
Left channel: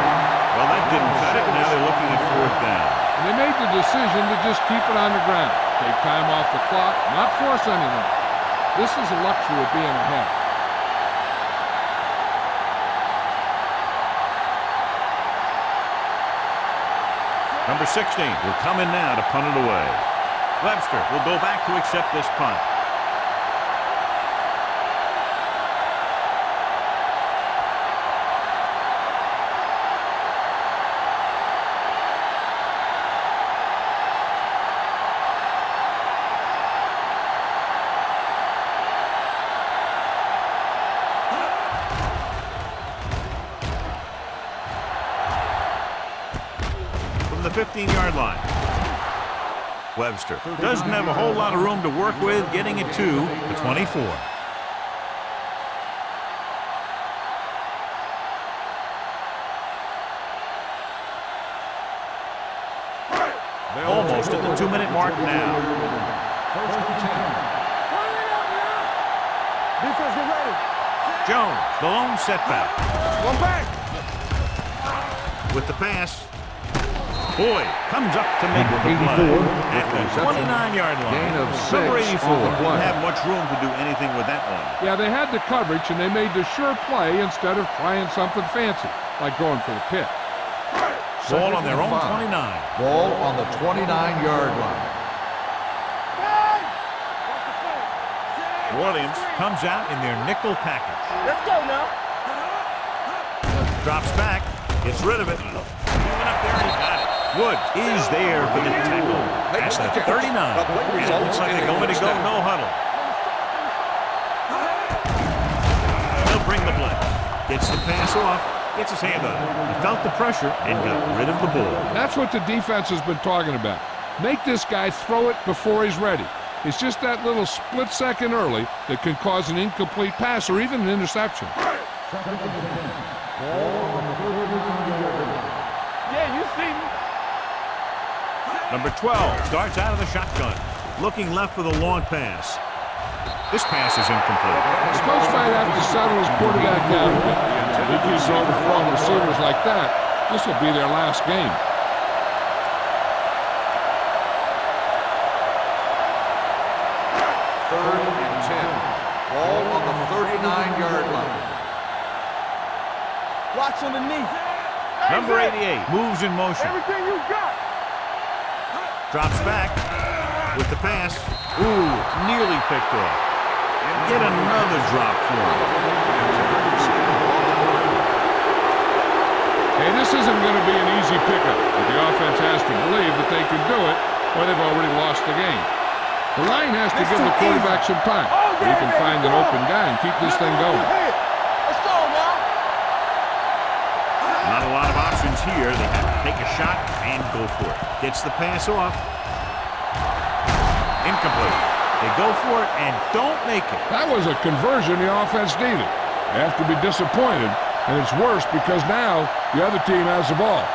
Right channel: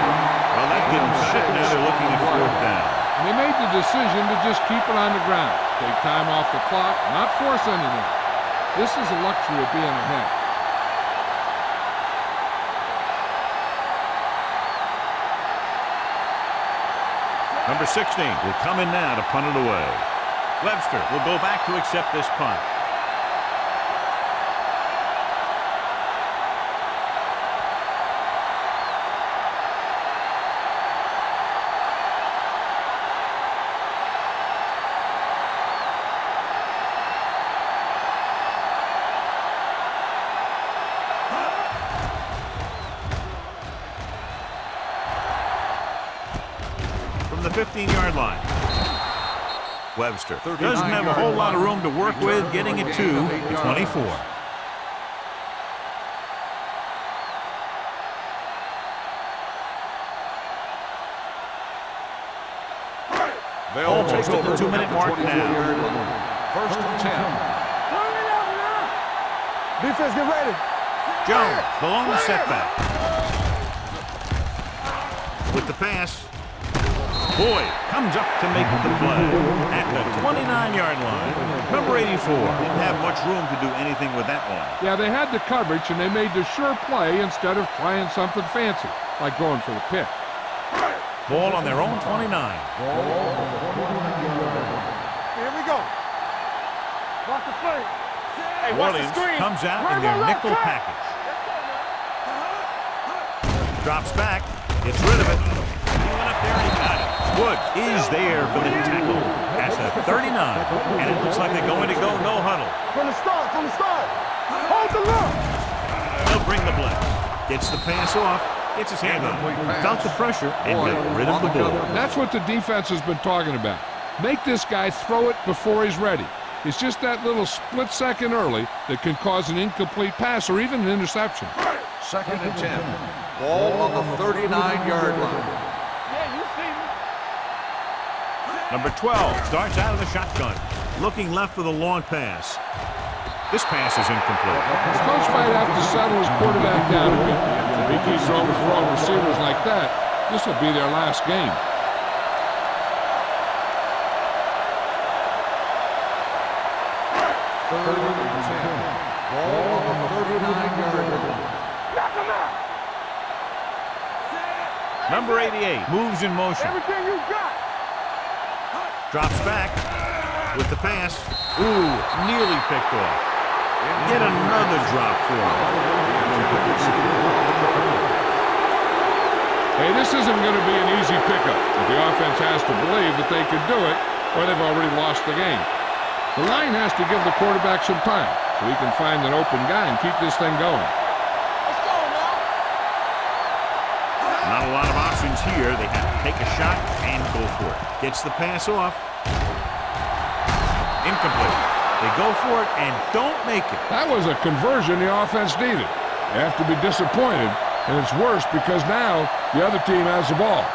Well, that didn't cut it. Now they're looking at fourth down. And they made the decision to just keep it on the ground. Take time off the clock, not force anything. This is the luxury of being ahead. Number 16 will come in now to punt it away. Webster will go back to accept this punt. From the 15-yard line. Webster doesn't have a whole lot of room to work with, getting it to the 24. Almost at the 2-minute mark now. First and 10. Turn it up now. Defense, get ready. Jones, the lone setback. With the pass. Boyd comes up to make the play at the 29-yard line. Number 84 didn't have much room to do anything with that one. Yeah, they had the coverage, and they made the sure play instead of trying something fancy, like going for the pick. Ball on their own 29. Ball on the 29-yard line. Here we go. Watch the play. Hey, Williams comes out in their nickel package. Let's go now. Drops back, gets rid of it. He went up there and he got it. Woods is there for the tackle past the 39. And it looks like they're going to go no huddle. From the start. Hold the look. They'll bring the blitz. Gets the pass off. Gets his hand on it. He felt the pressure and got rid of the ball. That's what the defense has been talking about. Make this guy throw it before he's ready. It's just that little split second early that can cause an incomplete pass or even an interception. Second and 10. Ball on the 39-yard line. Yeah, you see me. Number 12 starts out of the shotgun. Looking left for the long pass. This pass is incomplete. His coach might have to settle his quarterback down a bit. If he keeps overthrowing receivers like that, this will be their last game. Third and 10. Ball on the 39-yard line. Watch on the knees. Number 88 moves in motion. Everything you got. Drops back with the pass. Ooh, nearly picked off. Yet another drop for him. Hey, this isn't going to be an easy pickup, but the offense has to believe that they can do it, or they've already lost the game. The line has to give the quarterback some time so he can find an open guy and keep this thing going. Let's go now. Not a lot of options here. They have to take a shot and go for it. Gets the pass off. Incomplete. They go for it and don't make it. That was a conversion the offense needed. They have to be disappointed, and it's worse because now the other team has the ball.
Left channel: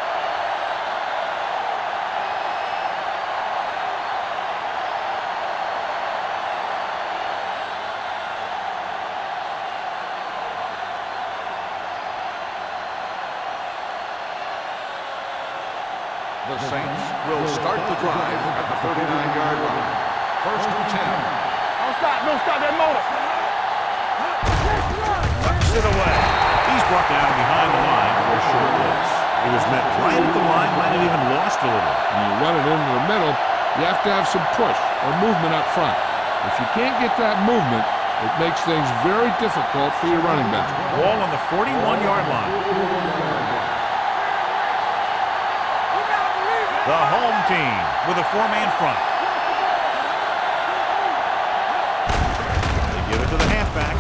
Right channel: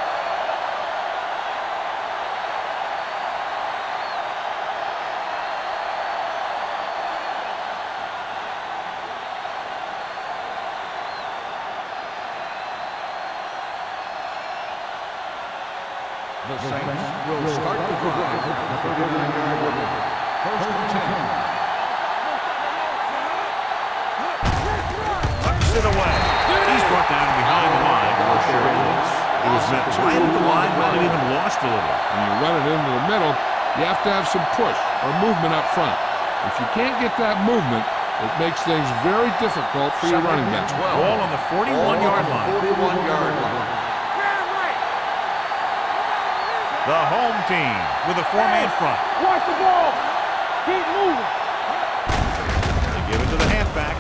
The Saints will start the drive at the 39-yard line. First and 10. Don't stop that motor. Tucks it away. He's brought down behind the line for a short loss. He was met right at the line, might have even lost a little. When you run it into the middle, you have to have some push or movement up front. If you can't get that movement, it makes things very difficult for your running back. Ball on the 41-yard line. 41-yard line. The home team with a four-man front. Watch the ball. Keep moving. They give it to the halfback.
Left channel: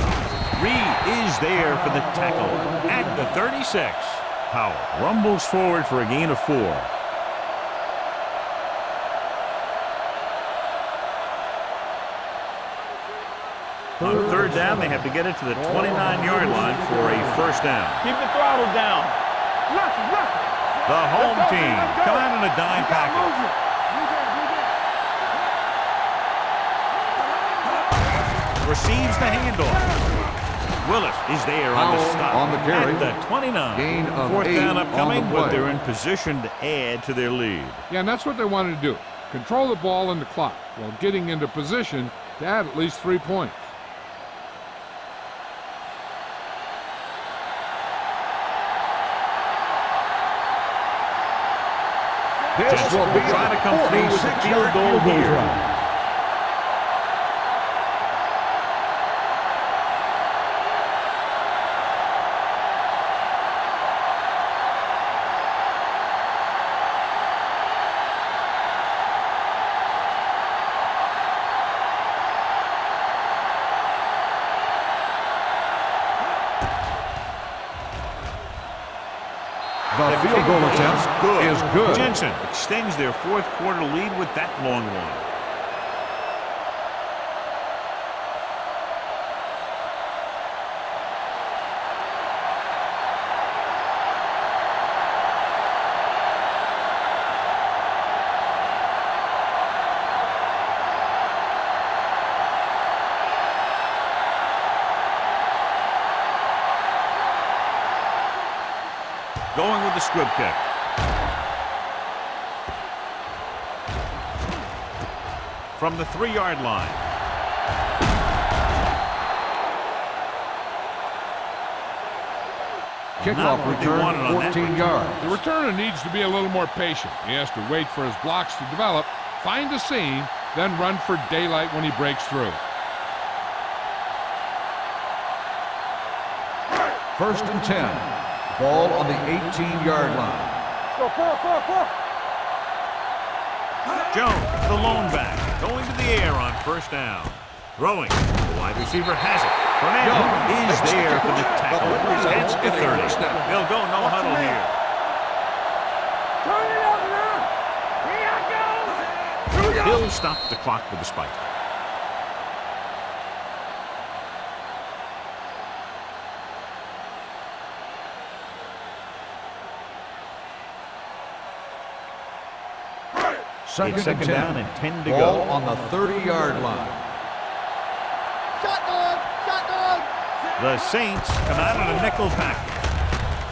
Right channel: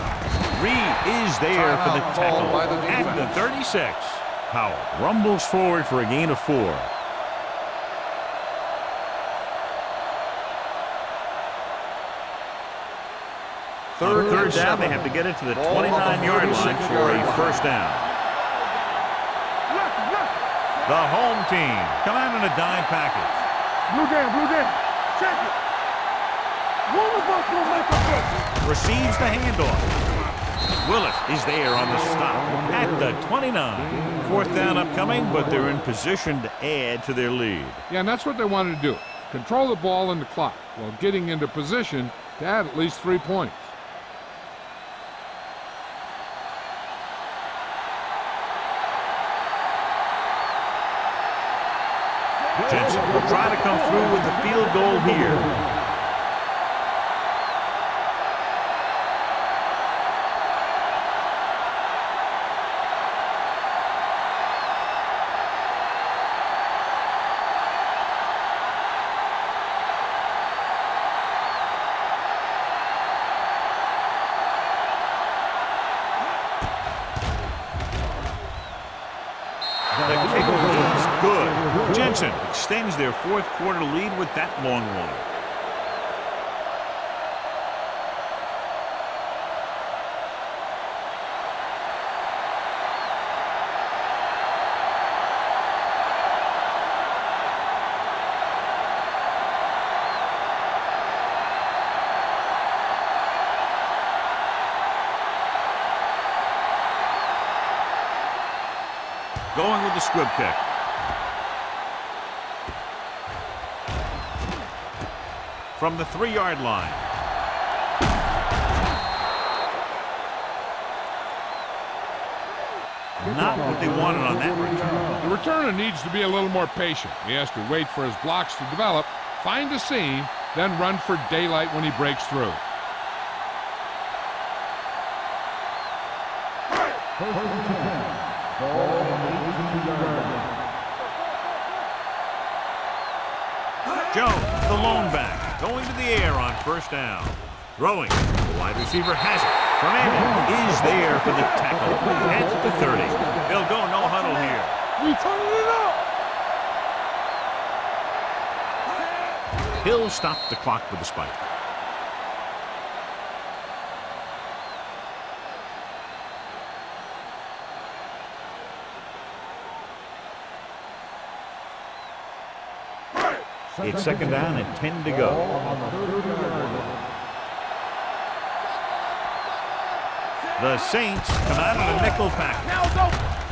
Reed is there for the tackle at the 36. Howell rumbles forward for a gain of 4. On third down, they have to get it to the 29-yard line for a first down. Keep the throttle down. Nothing. The home team come out in a dime package. Blue down. Receives the handoff. Willis is there on the stop at the 29. Fourth down upcoming, but they're in position to add to their lead. Yeah, and that's what they wanted to do. Control the ball and the clock while getting into position to add at least 3 points. Jensen will try to come through with the field goal here. The kick is good. Jensen extends their fourth quarter lead with that long one. Going with the squib kick. From the 3-yard line. Not what they wanted on that return. The returner needs to be a little more patient. He has to wait for his blocks to develop, find a seam, then run for daylight when he breaks through. First and 10. Ball on the 18-yard line. Go, 4. Jones, the lone back, going to the air on first down. Throwing. The wide receiver has it. Fernandez is there for the tackle. That's the 30. They'll go no huddle here. He'll stop the clock with the spike. It's second down and 10 to go. On the 30-yard line. The Saints come out in a nickel package.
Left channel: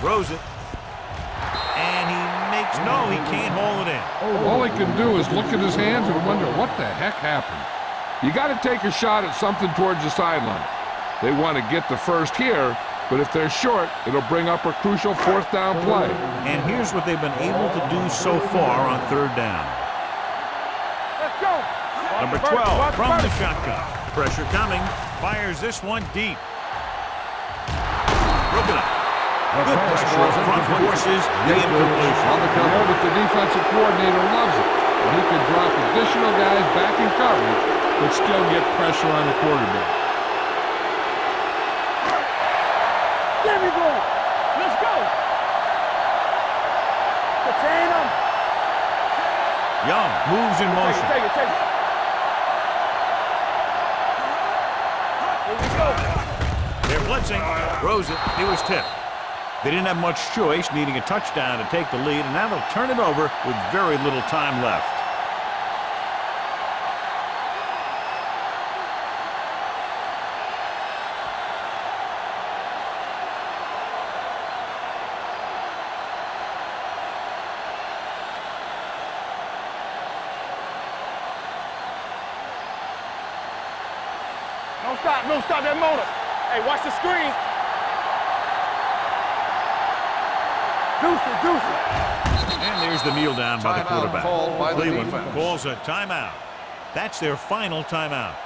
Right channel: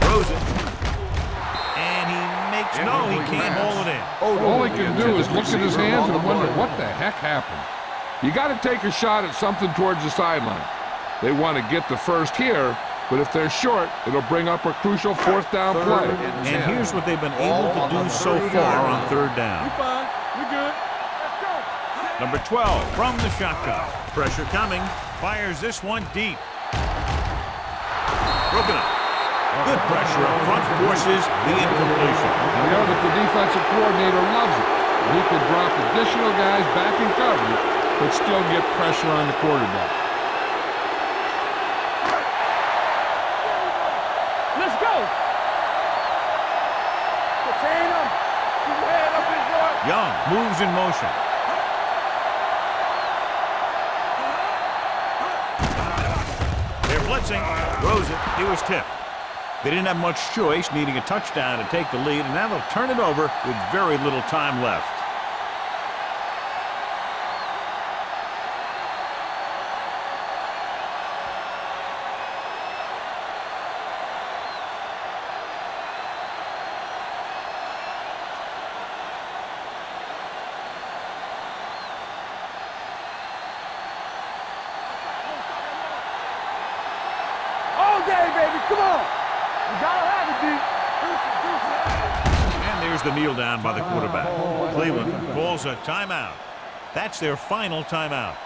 Throws it. And he makes no, he can't hold it in. All he can do is look at his hands and wonder what the heck happened. You got to take a shot at something towards the sideline. They want to get the first here, but if they're short, it'll bring up a crucial fourth down play. And here's what they've been able to do so far on third down. Number 12 from the shotgun. Pressure coming. Fires this one deep. Broken up. Good pressure up front forces the incompletion. You know that the defensive coordinator loves it. And he could drop additional guys back in coverage, but still get pressure on the quarterback. Let's go. Contain him. Young moves in motion. They're blitzing. Throws it. He was tipped. They didn't have much choice, needing a touchdown to take the lead, and now they'll turn it over with very little time left. Don't stop that motor. Hey, watch the screen. All day, baby. Come on. You gotta have it, D. Deuce it. And there's the kneel down by the quarterback. Cleveland calls a timeout. That's their final timeout.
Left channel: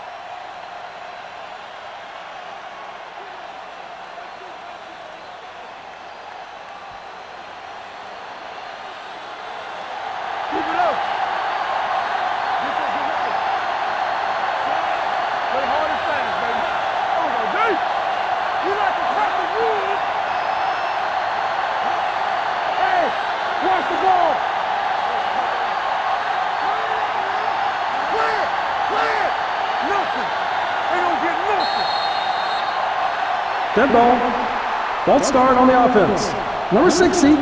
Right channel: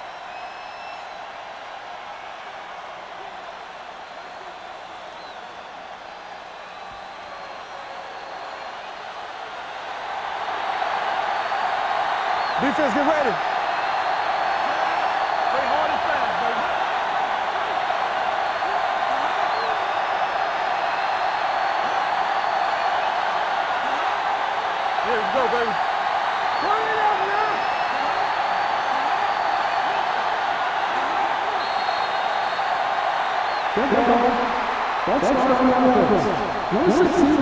Keep it up. Defense, get ready. Play hard and fast, baby. You got the top of the rules. Hey, watch the ball. There you go, baby. Play it out, man. Play it. Play it. Nothing. They don't get nothing. Good ball. Ball start on the offense. Number 60.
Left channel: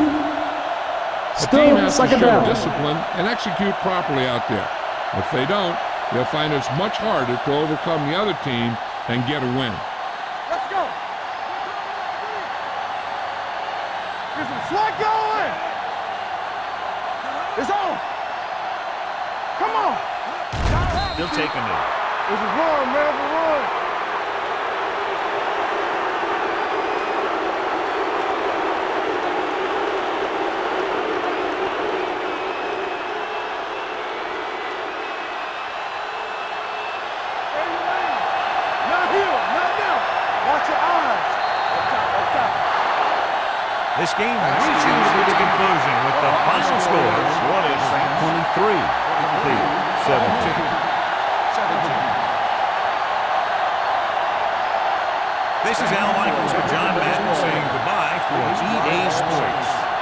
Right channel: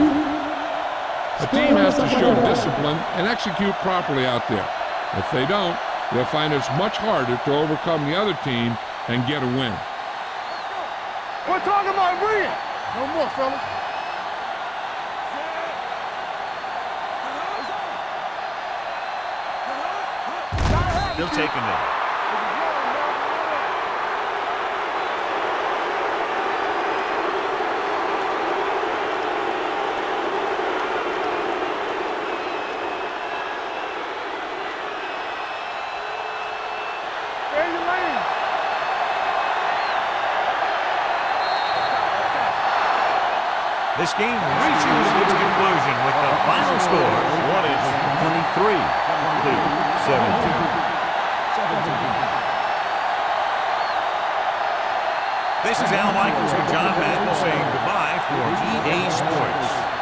The team has to show discipline and execute properly out there. If they don't, they'll find it's much harder to overcome the other team and get a win. Let's go. We're talking about winning. No more, fella. Get some sweat going. It's on. Come on. Gotta have it, They'll take a knee. This is wrong, man. It's wrong. Stay in your lane. Not here, not now. Watch your eyes. Up top, up top. This game reaches its conclusion with the final score, New Orleans 23, Cleveland 17. 17. This is Al Michaels with John Madden saying goodbye for EA Sports.